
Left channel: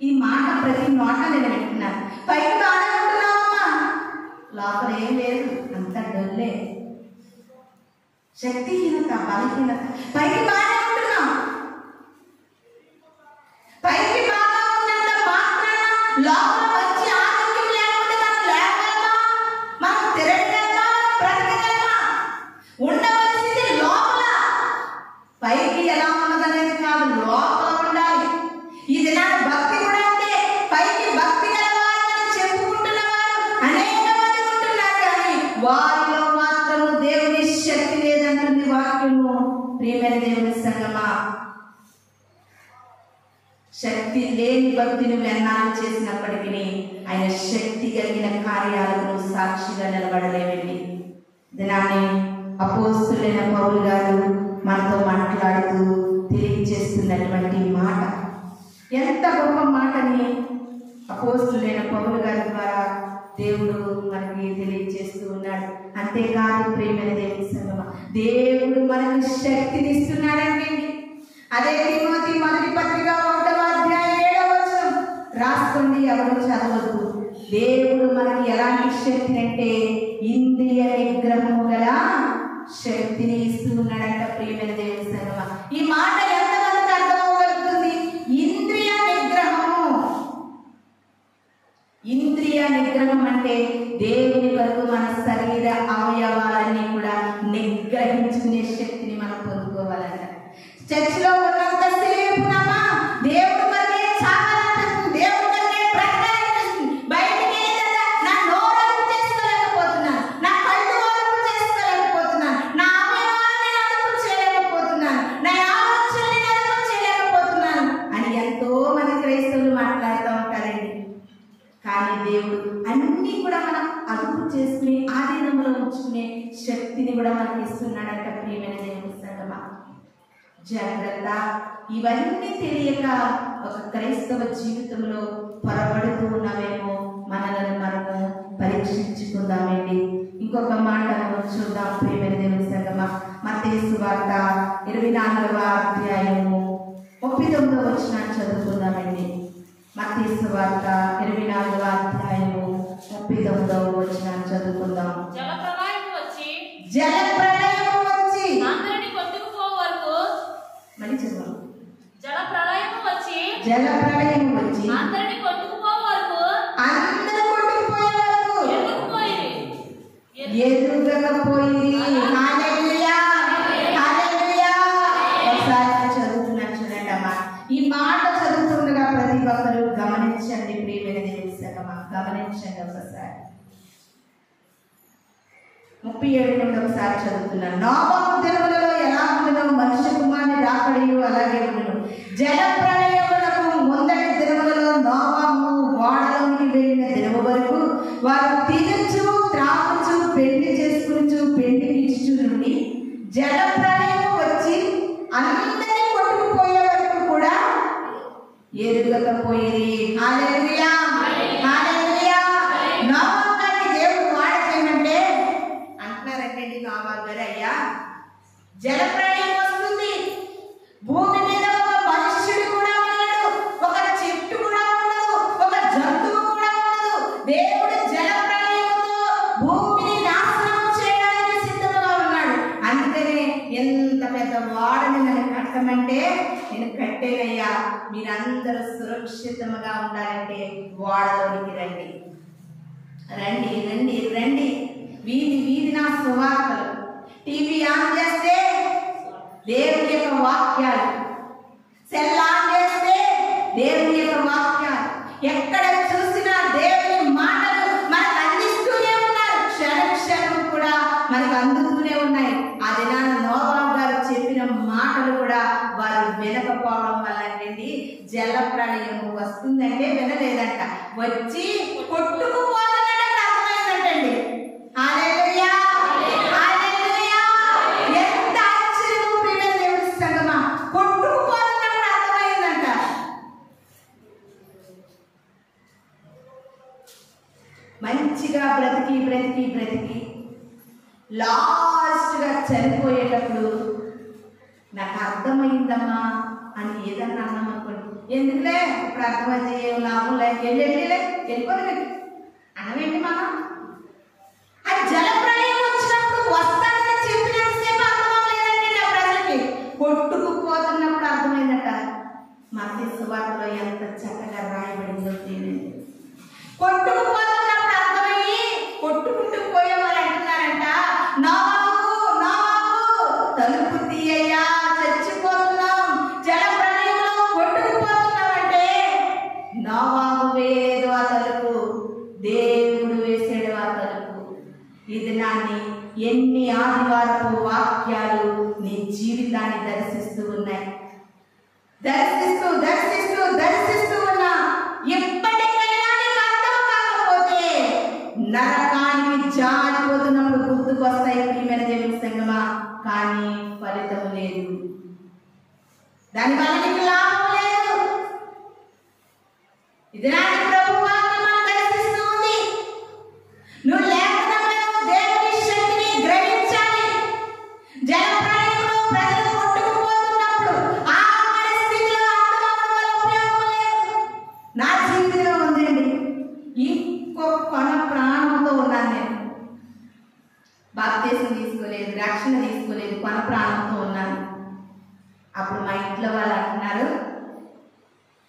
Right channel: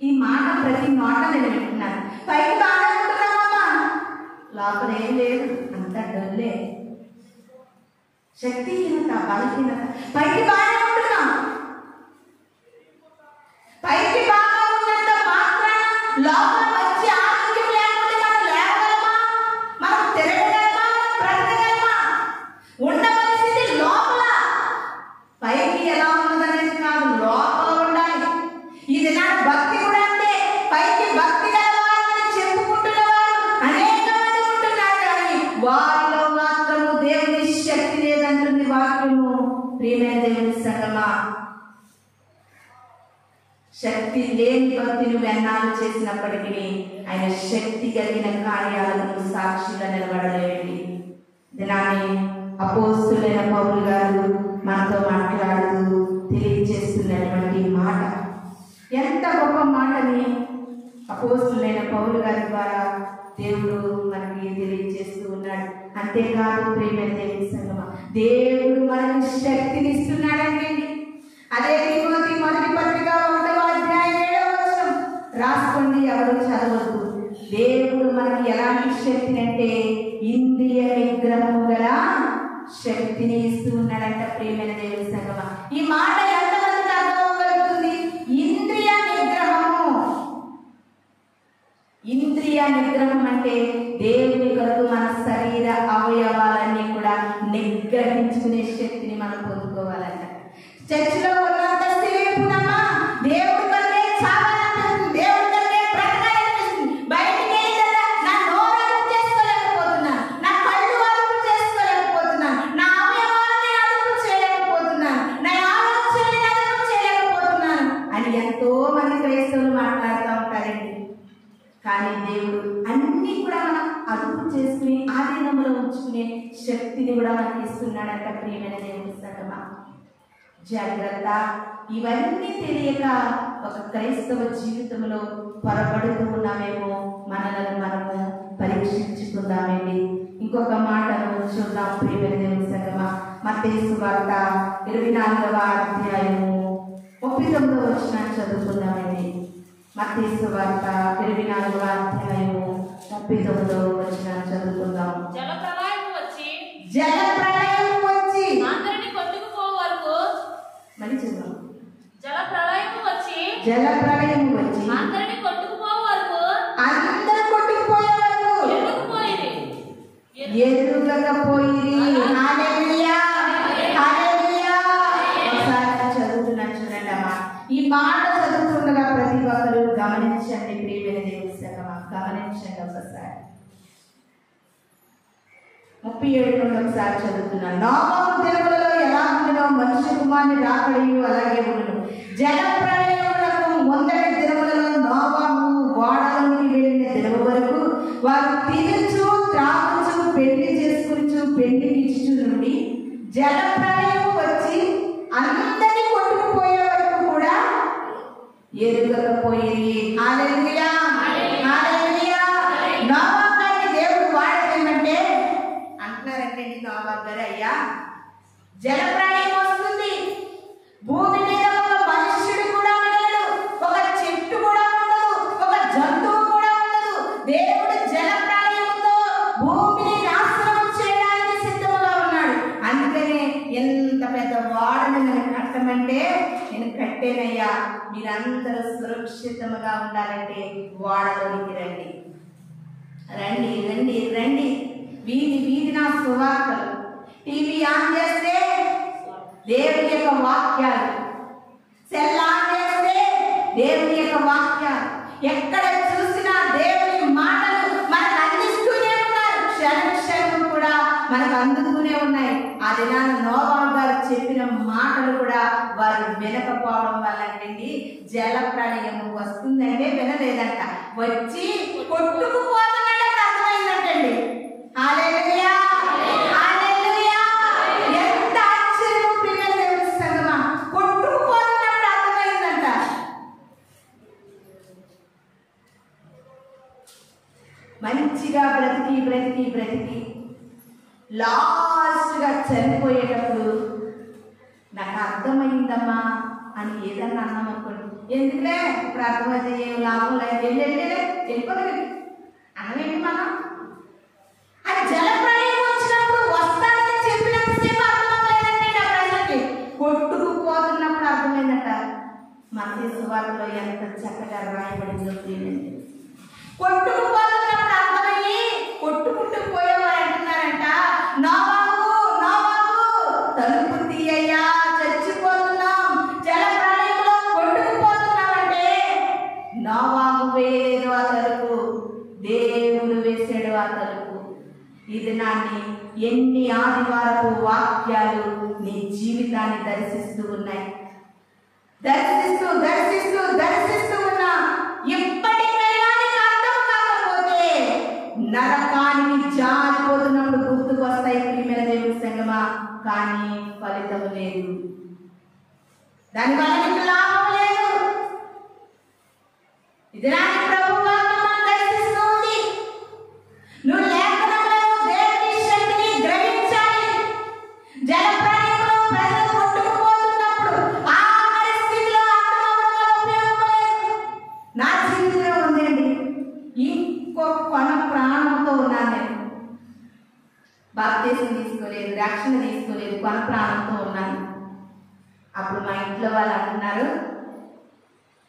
ఈ మాట ప్రతి మాట నేను వింటున్నాను. పైకి బాగానే ఉంటున్నామమ్మా, లోపల ఏం లేదు, అంతా డొల్లే, శక్తిహీనత, బలహీనత. పైకి బాగానే ఉంటున్నాం, పైకి బాగా ఉన్నంత మాత్రాన లోపల మంచి ఆరోగ్యం లేకపోతే మనం లేవగలమా, మనం తిరగగలమా, బ్రతకగలమా? ఉండవలసింది లోపల, పైకి ఎలా ఉన్నదనేది కాదు, లోపల ఉండాలి. ఇది నా భక్తి కూడా అంతే. పైకి భక్తి గలవారు అని చెప్పుకుంటున్నవారు అనేక మంది ఉంటున్నారు, కానీ వారిలో మాత్రము దేవుని శక్తి లేదంటుంది వాక్యము. ప్రియమైన దేవుని సంగమా, శక్తి లేని భక్తిని వెన్నాలు చేసినప్పటికీ ఆయన శక్తి కలిగిన కార్యాలను సాక్షిగా నిలబడలేవండి. దినాన్ని అపోస్తులైన పౌలు గారు మనతో మాట్లాడుతూ తెలియజేస్తున్నటువంటి మాట ఎంత గొప్ప మాటని అపోస్తులైన పౌలు గారి ద్వారా దేవుడు మనకి తెలియజేస్తూ ఉన్నాడు. అంతేకాదు ప్రియమైన దేవుని సంగమా, దేవుడు మనకి శక్తిని ఇస్తున్నాడండి. అదే తిమోతి మొదటి పత్రిక 1వ అధ్యాయం 7వ వచనం రాసుకోండి, ఎవరు చదవద్దు. దేవుడు మనకి ఎలాంటి శక్తిని అంటే ఇంద్రియ నిగ్రహము గల శక్తిని ఇస్తూ ఉన్నాడంట. ప్రియమైన దేవుని సంగమా, ఈ మాట ఎంతమందికి అర్థమవగలుగుతుంది? ఇంద్రియ నిగ్రహము, ఇంద్రియ నిగ్రహం అంటే దేవుని కొరకు మన శరీర అవయవాలన్నీ కూడా నిగ్రహించుకునే శక్తిని మనం పొందుకోవాలంట. చర్చిలో ఉన్నంత సేపునమ్మా దేవుడి కొరకే చావాలనిపిస్తుంది, దేవుడి కొరకే బ్రతకాలనిపిస్తుంది. బయటికి వెళ్ళిందా నా నోరు అదుపు చేసుకోలేకపోతున్నాను, నా కళ్ళు అదుపు చేసుకోలేకపోతున్నాను, నా అవయవాలని అదుపు చేయలేకపోతున్నాను, నా ఆలోచనని అదుపు చేయలేకపోతున్నాను అని ఎంతో మంది క్రైస్తవులు మాట్లాడుతూ ఉంటారండి. కానీ దేవుడు అన్ని కూడా మనం అదుపు చేసుకుని ఆధీనంలో ఉంచుకునే శక్తిని కూడా మనకి ఇస్తున్నాడంట. ప్రియమైన దేవుని సంగమా, జాగ్రత్త. ఇవన్నీ తెలియక ఒక క్రైస్తవ జీవితంలో పొరపడుతూ ఉన్నామేమో, మనల్ని మనము పరీక్షించుకుందామండి. ఇంకొక మాట మనం చూద్దాం. ప్రియమైన దేవుని సంగమా, మత్తయి సువార్త 24వ అధ్యాయము 39వ వచనాన్ని చదువుకుందామండి. మత్తయి సువార్త 24వ అధ్యాయము 39వ వచనాన్ని చదువుకుందాం. జలప్రళయం వచ్చి అందరిని కొట్టుకుపో వరకు, మళ్ళీ చదువు. జలప్రళయం వచ్చి అందరిని కొట్టుకుపో వరకు, అందరూ కొట్టుకుపోయే వరకు ఎదురుకపోయిరి. హల్లెలూయా, హల్లెలూయా. ఒకసారి చదువుతున్నాను చూడండి అమ్మా. ఈ మాట చదువుతుండగా ప్రతి ఒక్కరు గమనించండి. ప్రియమైన దేవుని సంగమా, గమనించండి. ఒకసారి 37 నుండి ఒకసారి చదువుతున్నాను. నోవహు దినములలో ఎలా ఉండినో మనుష్య కుమారుని రాకడయు అలాగే ఉండును. జల ప్రళయమునకు ముందటి దినములలో నోవహు ఓడలోనికి వెళ్ళిన దినము వరకు వారు తినుచు త్రాగుచు పెళ్లి చేసుకుని పెళ్లికిచ్చు నుండి జల ప్రళయం వచ్చి అందరినీ కొట్టుకుపోయే వరకు కూడా ఎరుగకపోయి. హల్లెలూయా, హల్లెలూయా. నోవహు గారిని దేవుడు వాడేమంటే అంటున్నారంటే, నోవహు గారు, అయ్యా జల ప్రళయం వస్తుంది, భూమి మీద ఒక మనుష్యుడు కూడా ఉండడు, ఒక చెట్టు కూడా ఉండదు, ఒక జంతువు కూడా ఉండదు. దేవుడు జల ప్రళయంతో భూమిని నాశనం చేయడానికి సిద్ధముగా ఉన్నాడు. అందుకనే ఎంత పెద్ద వాడని నన్ను కట్టమంటే నేను కట్టేనయ్యా, మీరందరూ సురక్షితంగా ఉండాలంటే వాడలోనికి రండి, రండి, రండి, రండి. వీధి వీధి నా సువార్తలు. టీవీ ఆన్ చేస్తే దేవుని యొక్క వాక్యాలు, సెల్ ఆన్ చేస్తే దేవుని యొక్క వాక్యాలు, ఎక్కడ చూసినా దేవుని మాటలు మనకు అందిస్తూనే ఉన్నారు. క్షణం క్షణం కూడా మనకు అందుతూనే ఉన్నాయి. ఆ దినాన్ని నోవహు గారు చెప్పిన మాటలు కూడా వారు వినకపోవడం వల్ల అండి జల ప్రళయం వస్తుందంటే వినలేదంట, వచ్చి కొట్టుకుపోతున్నట్టు అర్థమైందంటండి. హల్లెలూయా, హల్లెలూయా. ఎంత ఆశ్చర్యం ప్రియమైన దేవుని సంగమా, కొట్టుకుపోతున్నప్పుడు అర్థమైందంట. మంచిగా బ్రతికి బ్రతికి బ్రతికి హఠాత్తుగా చనిపోయేటప్పుడు నాకు అర్థమైందమ్మా అని ఏదన్నా అన్నాం అనుకోండి, ఎందుకులే ఇప్పుడు అర్థమైంది ఏం లాభం లేదు, వెళ్ళిపోలేదు అన్నమేంటి మనం. అది జలప్రలయం వచ్చినప్పుడు వస్తానని చెప్పినంతసేపు అర్థమవలేదంటే నా ప్రజలకి, కొట్టుకుపోతున్నప్పుడు అర్థమైందట. మత్తయి సువార్తలో ఎంత చక్కగా రాయబడిందో తెలియదు. కొట్టుకుపోతున్నప్పుడు అర్థమయ్యి కొట్టుకుంటూ పోయేవారు అంటున్నారంట, నోవాహు తలుపు తీయ్యా, చచ్చిపోతున్నాం, జల ప్రళయంలో కొట్టుకుపోతున్నామంటే నోవాహు వేయలేదు ఆ తలుపు, దేవుడు వేసాడు ఆ తలుపు. ఇది నాన్ని ఎన్ని ఆదివారపు వాక్యాలు నీ జీవితాన్ని దర్శిస్తూ ఉన్నాయి. దర్శిస్తూ ఉన్నా ఎప్పటికైనా నీకు అర్థం కాకపోతే నరకానికి జారిపోతున్నప్పుడు గుర్తుకొస్తాయి ప్రియమైన దేవుని సంగమా, కానీ ఫలితం లేదు, దానివల్ల నీకు లాభం లేదు. ఇది నాకు ప్రభు వాక్యం మనం దర్శిస్తూ ఉంది. నువ్వు లేఖనంలో దేవుని శక్తిని గ్రహించాలి. జలప్రళయంలో ప్రజలు కొట్టుకుపోతున్నప్పుడు ఆ పరిస్థితిలో అర్థమవడం వల్ల ఉపయోగం లేదు. నా జీవితంలో ఉందండి, ఇంకో కొన ప్రాణంతో ఉన్నాను నేను. బాప్తీసం తీసుకోలేదు, రక్షణ తీసుకోలేదు, కొన ప్రాణంతో ఉన్నాను. అప్పుడు మా ఇంట్లో వాళ్ళు అంటున్నారు,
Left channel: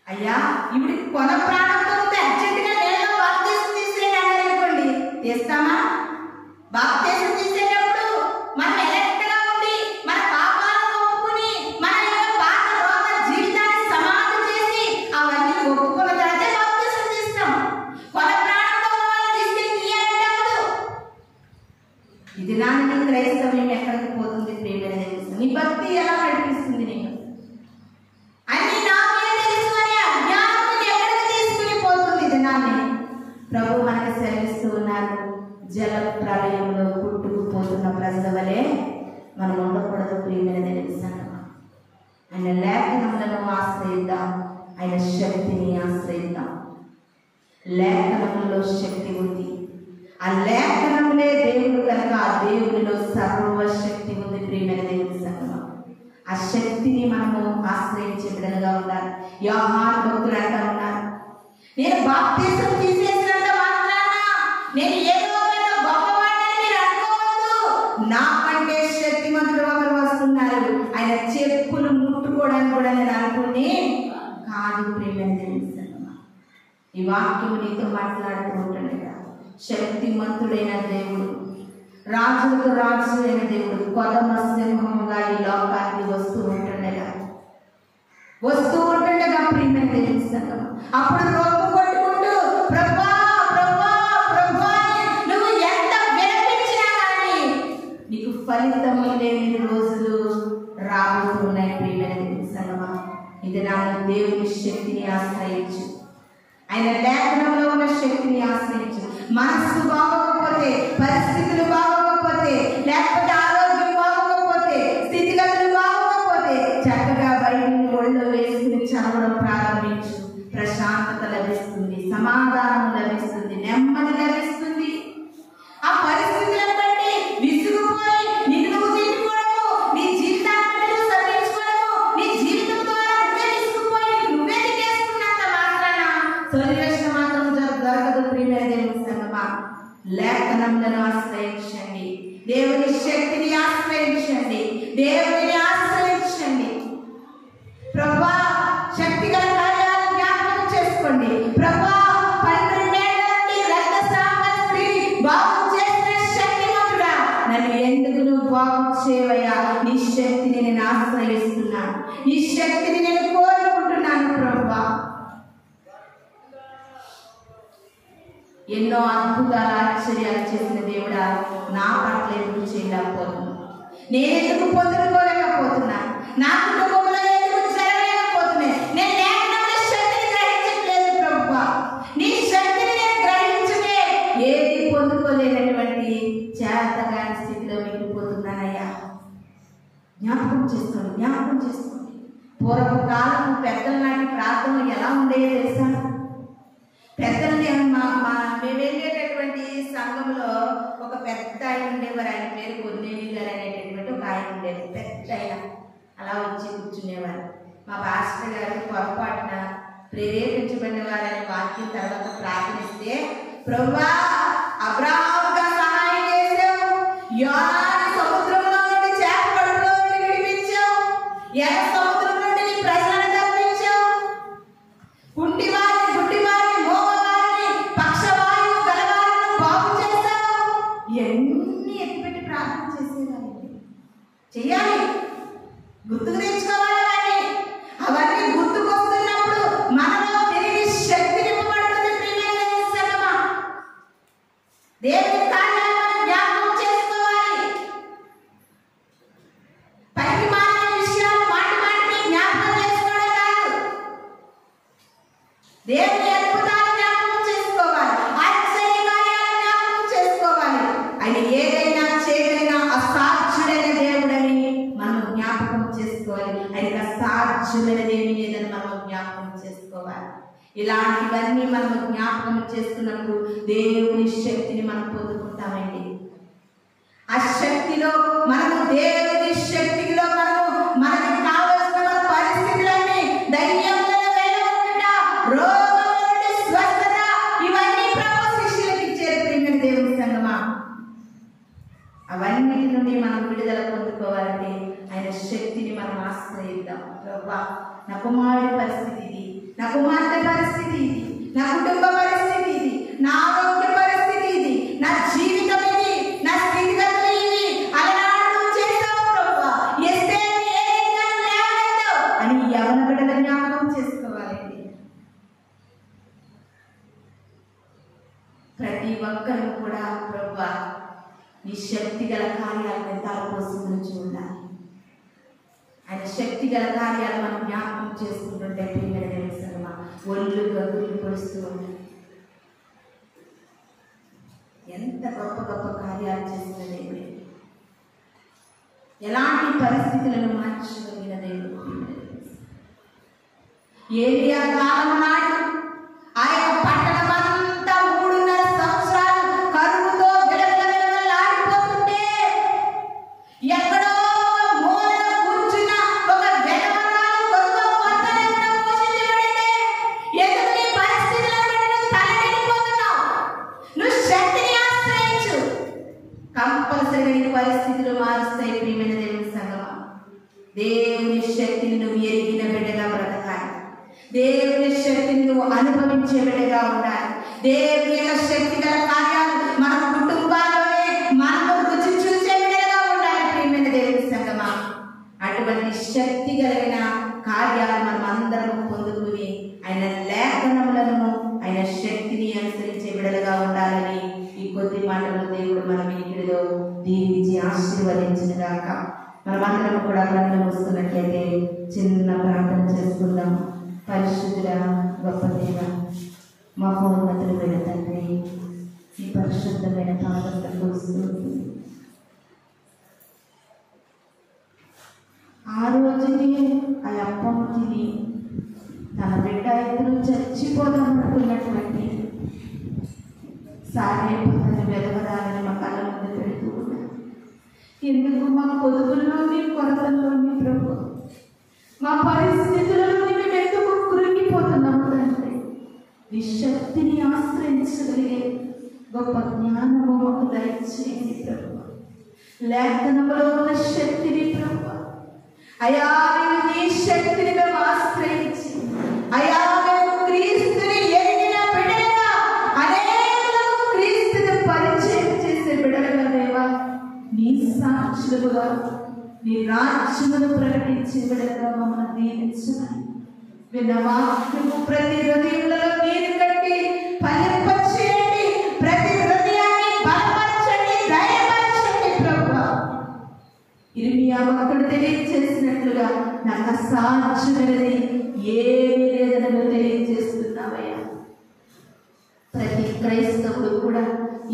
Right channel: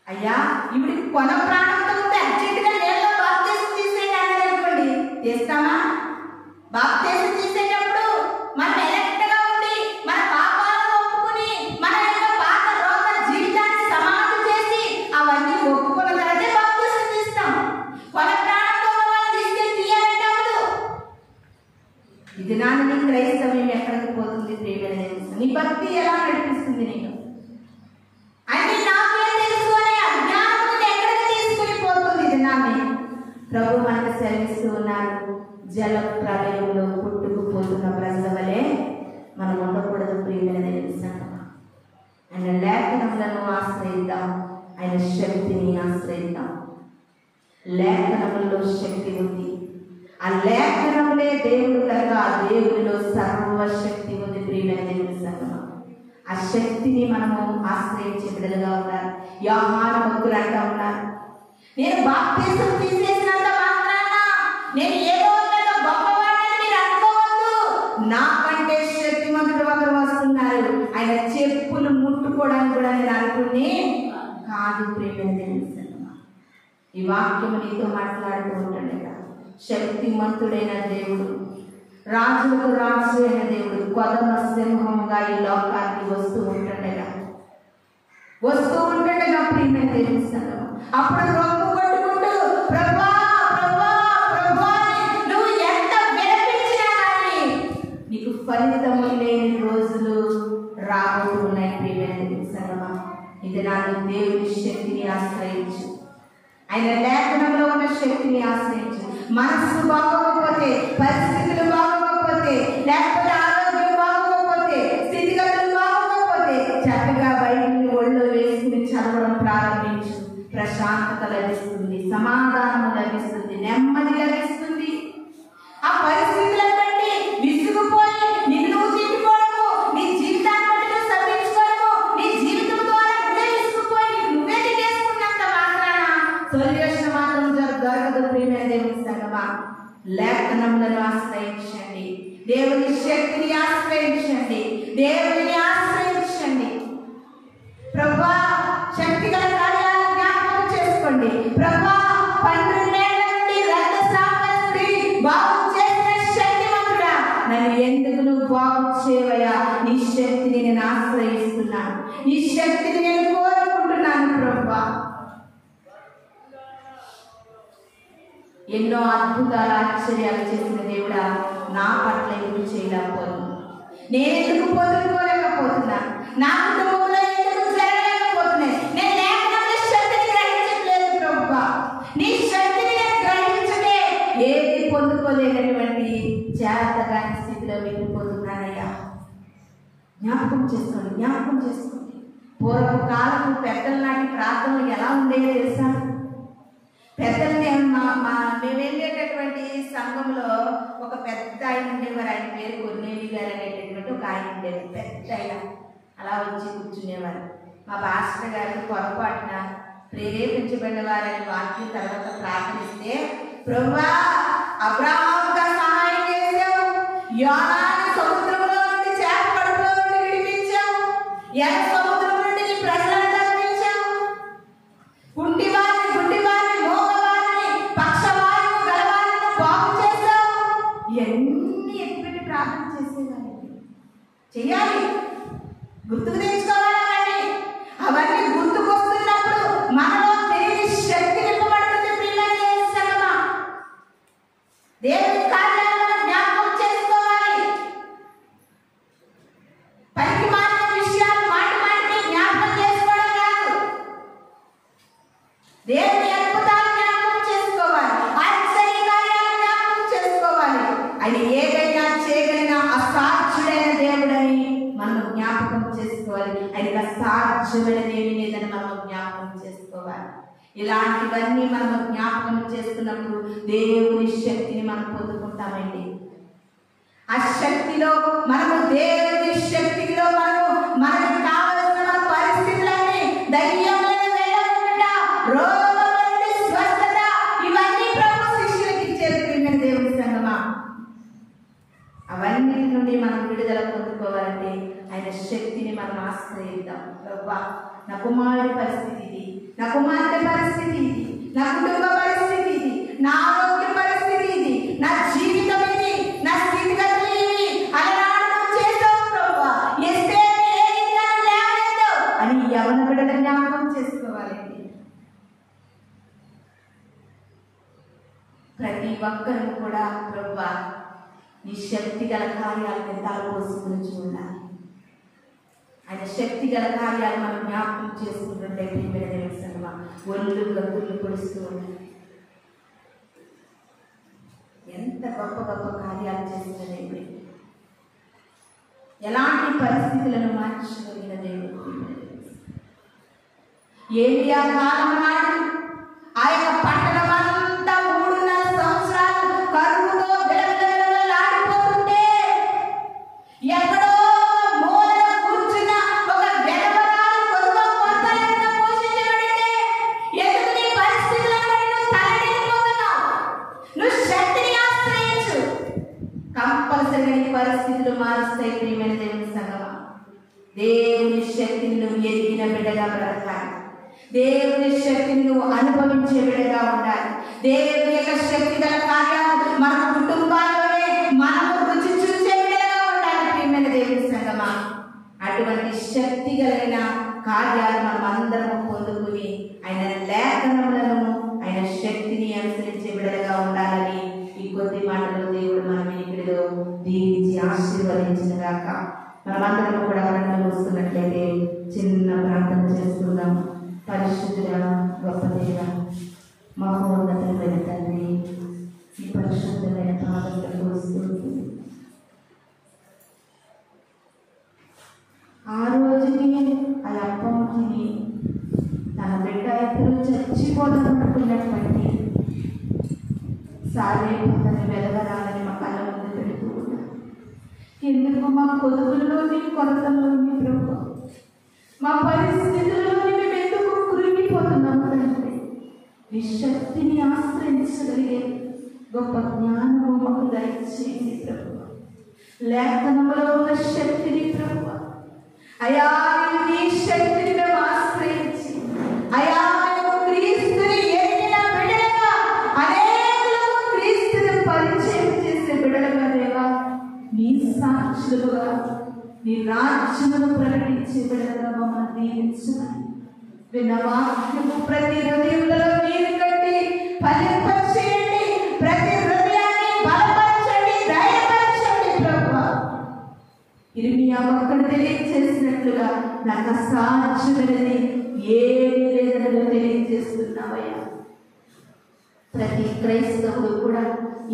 అయ్యా ఇప్పుడు కొన ప్రాణంతో ఉంటే అర్జెంటుగా నేను బాప్తీసం తీసేయండి అన్నారు అనుకోండి, తీస్తామా? బాప్తీసం తీసేటప్పుడు మనం ఎలక్ట్గా ఉండి మన పాపాలను ఒప్పుకుని మన పాత రోగ జీవితాన్ని సమాధి చేసి అవన్నీ ఒప్పుకున్న తర్వాతే బాప్తీసం తీస్తాం. కొన ప్రాణంతో వాళ్ళు తీసుకెళ్ళి తీయాలంటే అవ్వదు. ఇది నాన్న నీ క్రైస్తవ్యం ఎక్కడికి పోతుంది ప్రియమైన దేవుని, నీ భక్తి ఎలా నడిపిస్తుంది నీకు అన్ని నాకే తెలుసు అనే అజ్ఞానం ఎక్కడికి తీసుకుని పోతుంది. ఇది నాన్ని ప్రభు మనకు సెలవిస్తూ ఉన్నారు, జల ప్రళయంలో పుట్టుకుపోతున్న ప్రజల వలె మనం ఉండకూడదు ప్రియమైన దేవుని సంగమా. ఆయన లేఖనములను ఆశ్రయిద్దాం, ఆయన శక్తిని ఆశ్రయిద్దాం. లేఖనములలో శక్తి ఉంది, ఆ లేఖనములే దేవుడు కనుక ఆ దేవుడిలో సర్వశక్తి ఉంది ప్రియమైన దేవుని సంగమా. ఆ శక్తిని మనము ఆశ్రయించే బిడ్డలుగా ఉండాలి. యోహాను భక్తులు అంటూ ఉన్నారు, నేను బాప్తీసం తీసేసినంత మాత్రాన నేను ఏదో పెద్ద గొప్పవాడిని మీరు అనుకోవద్దు, నాకంటే శక్తిమంతుడు ఒకరు వస్తున్నారు, ఆయన చెప్పులు ముట్టుకోవడానికి కూడా నేను అనుకుని కాదు ప్రియమైన దేవుని సంగమా. ఈ వాక్యము నీతో మాట్లాడుతూ ఉంటుండగా శక్తిమంతుడైన దేవుడు, రాజులకు రాజు అయిన దేవుడు కొదమ సింహంగా ఈ లోకానికి వస్తూ ఉంటుండగా ప్రియమైన దేవుని సంగమా, అప్పుడు రొమ్ము కొట్టుకుంటూ ప్రభా ప్రభా ప్రభా నువ్వు ఎంత వినిపించినా కానీ నీకు ఫలితము లేని రోజులు రాబోతున్నాయి ప్రియమైన దేవుని సంగమా. ఇది నాకు దేవుని శక్తిని ఆశ్రయించు, ఆయన లేఖనంలో ఉన్న శక్తిని ఆశ్రయించు. మనస్సు బాగోకపోతే, పరిస్థితులు బాగోకపోతే, లేకపోతే ఆరోగ్యం బాగోకపోతే, స్థితిగతులు బాగోకపోతే చక్కగా బయటిని ఒళ్ళు వేసుకుని చదవడం ప్రారంభించు. ప్రశాంతత లభిస్తుంది, సమాధానం లభిస్తుంది, నెమ్మది లభిస్తుంది. ఆ పరిస్థితులను బట్టి విసుగుపోయి నిన్ను నువ్వు తిట్టుకోవడము, నీ జీవితాన్ని బట్టి నువ్వు సర్వించుకోవడము, నీ జీవితం ద్వారా నువ్వే విసుగుపోయి నువ్వే తిట్టేసుకున్నంత మాత్రాన సొల్యూషన్ మాత్రం దొరకదు ప్రియమైన దేవుని సంగమా. లేఖనములను ఆశ్రయించండి, దేవుని శక్తిని ఆశ్రయించండి, దేవుని ఆశ్రయించండి. ప్రభువా శక్తిగల కార్యాలను జ్ఞాపకం చేసుకోండి. ప్రభువా 12 ఏళ్ల నుండి రక్తస్రావ స్త్రీ బాగు చేసిన శక్తిమంతుడా, నన్ను ఎందుకు నువ్వు బాగు చేయవయ్యా? నీ శక్తిని నేను ఆశ్రయిస్తున్నాను, నీ శక్తిని నేను కోరుకుంటున్నాను ప్రభువా. ఎన్నో అద్భుతాలు ఆశ్చర్యాలు చేసిన దేవుడా, నా పట్ల ఎందుకు చేయలేకపోతున్నా? నేను ఎందుకు పొందుకోలేకపోతున్నా? నా కుటుంబంలో ఎందుకు జరగలేకపోతున్నాయి? నేను లేఖనంలో శక్తిని గ్రహించట్లేదు ప్రభువా. నీ శక్తిని నేను గ్రహించకే ఏది పొందుకోలేనటువంటి చేతగాని స్థితిలో మిగిలిపోతున్నానయ్యా. జ్ఞాపకం చేసుకోండి. పూర్వపు కాలము పెద్దల నాటి ప్రార్థనలు ఎలా ఉండేవో తెలుసా? పెద్దలు మేము వెళ్ళేటటువంటి సంఘంలో ఒక పెద్ద ఆయన ఉండేవారు, ఆయన పేరు కొన్నేని గారు అనేటటువంటి పాస్టర్ గారికి పొరపాటున ప్రేరేపించబడిన వారని వాక్యం తర్వాత ప్రార్థనిస్తే, ప్రభువా అబ్రాహాముగా సహాయం చేశావు, యోనాని సముద్రంలో నుండి చేప కడుపులో నుండి విడిపించావు, ఎర్ర సముద్రం నుండి నీ ప్రజలను తప్పించావు, కుంటివారిని గుడ్డివారిని మోగవారిని పక్షవాయువు గలవారిని బాగు చేశావు. ఎన్ని ఎత్తిపెట్టి ప్రార్థన చేసేవారండి. చెయ్యాలి, గుర్తుకు తెచ్చుకోవాలి. అవన్నీ గుర్తుకొస్తున్నప్పుడు మనలో తెలియని శక్తి నింపబడుతుంది. ప్రియమైన దేవుని సంగమా, దేవుని కార్యాలు మనం జ్ఞాపకం చేసుకోవాలి. పనికి మాలిన విషయాలు మాటి మాటికి జ్ఞాపకం చేసుకోవడం కాదు, దేవుని అద్భుతాలు జ్ఞాపకం చేసుకోవాలి, ఆశ్చర్య కార్యాలు జ్ఞాపకం చేసుకోవాలి. ఆయన ఏదైనా చేయగలిగిన అసాధ్యుడైన దేవుడని మనం జ్ఞాపకం చేసుకోవాలి. ఆయనకు అసాధ్యమైనది ఏమీ లేదని మనం జ్ఞాపకం చేసుకోవాలి. ఇలాంటివన్నీ మనం జ్ఞాపకం చేసుకున్నప్పుడు దేవుని శక్తిని మనం పొందుకుంటామండి. ఆ శక్తిలో మనము, దేవుని శక్తిలో మనకు కావలసిన మన పరిస్థితులన్నీ, ధైర్యములను వెళ్ళగొట్టుట, రోగముల నుండి స్వస్థత, ఇవన్నీ ప్రభు శిష్యులకు ఇచ్చారు. ప్రియమైన దేవుని సంగమా, అవన్నిటి నుండి మనం విడుదల పొందుకోవాలంటే ఆయన శక్తిని మనం ఆశ్రయిద్దాం. ప్రభువా నా కుమారుడి పరిస్థితి ఇది, నా కుమార్తె పరిస్థితి ఇది, నా కుటుంబ పరిస్థితి ఇది, నా ఆరోగ్య పరిస్థితి ఇది, నా జీవితం ఇది, నా స్థితిగతులు ఇవి, అలనాడు నువ్వు చేసావు ప్రభువా, ఎస్తేరుని ఏ రీతిగా లేవనెత్తావు అని యవ్వన బిడ్డలు జ్ఞాపకం చేసుకోవాలండి. ప్రతి ఒక్కరు కూడా ప్రభువా నీ శక్తి గల కార్యాలను తలపోసుకుని చూడాలి. ఆయన శక్తి గల కార్యాలు మనం జ్ఞాపకం చేసుకుంటుంటే ప్రియమైన దేవుని సంగమా, ఒళ్ళు గగ్గులు పొడుస్తూ ఉంటాయి. ఎంత గొప్ప గొప్ప కార్యాలు చేసిన దేవుడే, ఎలాంటి పరిస్థితులను మార్చగలిగిన దేవుడు. ఏలియా కాలం నాడు ఆ యొక్క పట్టణం అంతా 3.5 సంవత్సరాలు కరువుతో విలవిలవిలవిలాడిపోతుంటే, ఎక్కడో మూలన కూర్చున్న ఒక వెలవరాలు కొద్దిగా కొంతనంత పోషించబడితే, ఎందుకు నీ పరిస్థితులను బట్టి నువ్వు తల్లడిల్లిపోతున్నావు? నువ్వు శక్తిని ఆశ్రయించు, కంపల్సరిగా నీ పరిస్థితులు మారుస్తాయి. ప్రియమైన దేవుని సంగమా, దేవుని శక్తిని నువ్వు ఎరిగిన బిడ్డగా బ్రతకాలి. దేవుని శక్తిని నువ్వు అనుభవించే బిడ్డగా ఉండాలి. దేవుని యొక్క శక్తి గల కార్యాలు మన కుటుంబాల్లోనే మనము రుచి చూసే బిడ్డగా ఉండాలి. ప్రియమైన దేవుని సంగమా, అటువంటి శక్తి కలిగిన కార్యాలు మనం అందరం పొందుకుని ఆయన లేఖనములను, ఆయన శక్తిని అనుసరించే బిడ్డలుగా ఉండాలని ఈ కొద్ది మాటలు దేవుడు మన వినికిడిలో దీవించి ఆశీర్వదించిన గాక. మనమందరం కూడా కళ్ళు మూసుకున్నట్లయితే చిన్న ప్రార్థన చేసుకుందాం. పరిశుద్ధుల గొప్ప దేవ, మహోన్నతమైన తండ్రి, ఈ పరిశుద్ధమైన పాదములకు స్తుతులు. ఆ రోజుకి ఆ అప్పము తిని తన బిడ్డ ఇద్దరు చచ్చిపోదామనుకున్నటువంటి సారేపతను వెలవరాలని మా కళ్ళ ముందు పెడుతూ ఉన్నారు. ఎందుకు మా కొదువుల్లోని కొరతల్లోని ప్రభు, మా పరిస్థితుల్లోని మేము ఎందుకు కురిగిపోతున్నాము అంటే, నీ శక్తిని ఆశ్రయించగలిగే గొప్ప జ్ఞానము మాకు దయచేయండి ప్రభు. లేఖనములో ఉన్న శక్తిని ప్రభు, అయా నీ శక్తిని మేము ఆశ్రయించి, అయా మేము క్రీస్తుని ఎరిగిన బిడ్డలుగా, అనేకులకు క్రీస్తుని పరిచయం చేసే బిడ్డలుగా దేవా, నీ సాక్షులుగా, నీ రాజ్యమును ప్రకటించే బిడ్డలుగా మమ్మల్ని దీవించమని విన్న వాక్యము ప్రతి హృదయంలో నీరు కట్టి ఫలింపచేయండి. ప్రతి హృదయాన్ని బలపరచండి, ధైర్యపరచండి ప్రభువా. ఇర్మియా భక్తుడు తెలియజేసినట్లుగా నాకు అసాధ్యమైనది ఏమీ లేదని తెలియజేస్తున్నావయ్యా. ప్రతి క్రైస్తవుడు కూడా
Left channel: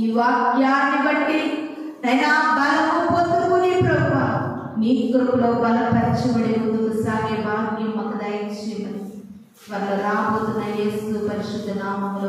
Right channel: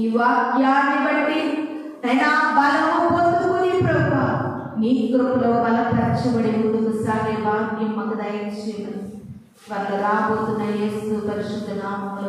ఈ వాక్యాన్ని బట్టి నైనా బలము పొందుకుని ప్రభువా నీ కృపలో బలపరచబడి ముందుకు సాగే భాగ్యం మాకు దయచేయమని వాళ్ళ రాబోతున్న యేసు పరిశుద్ధ నామములో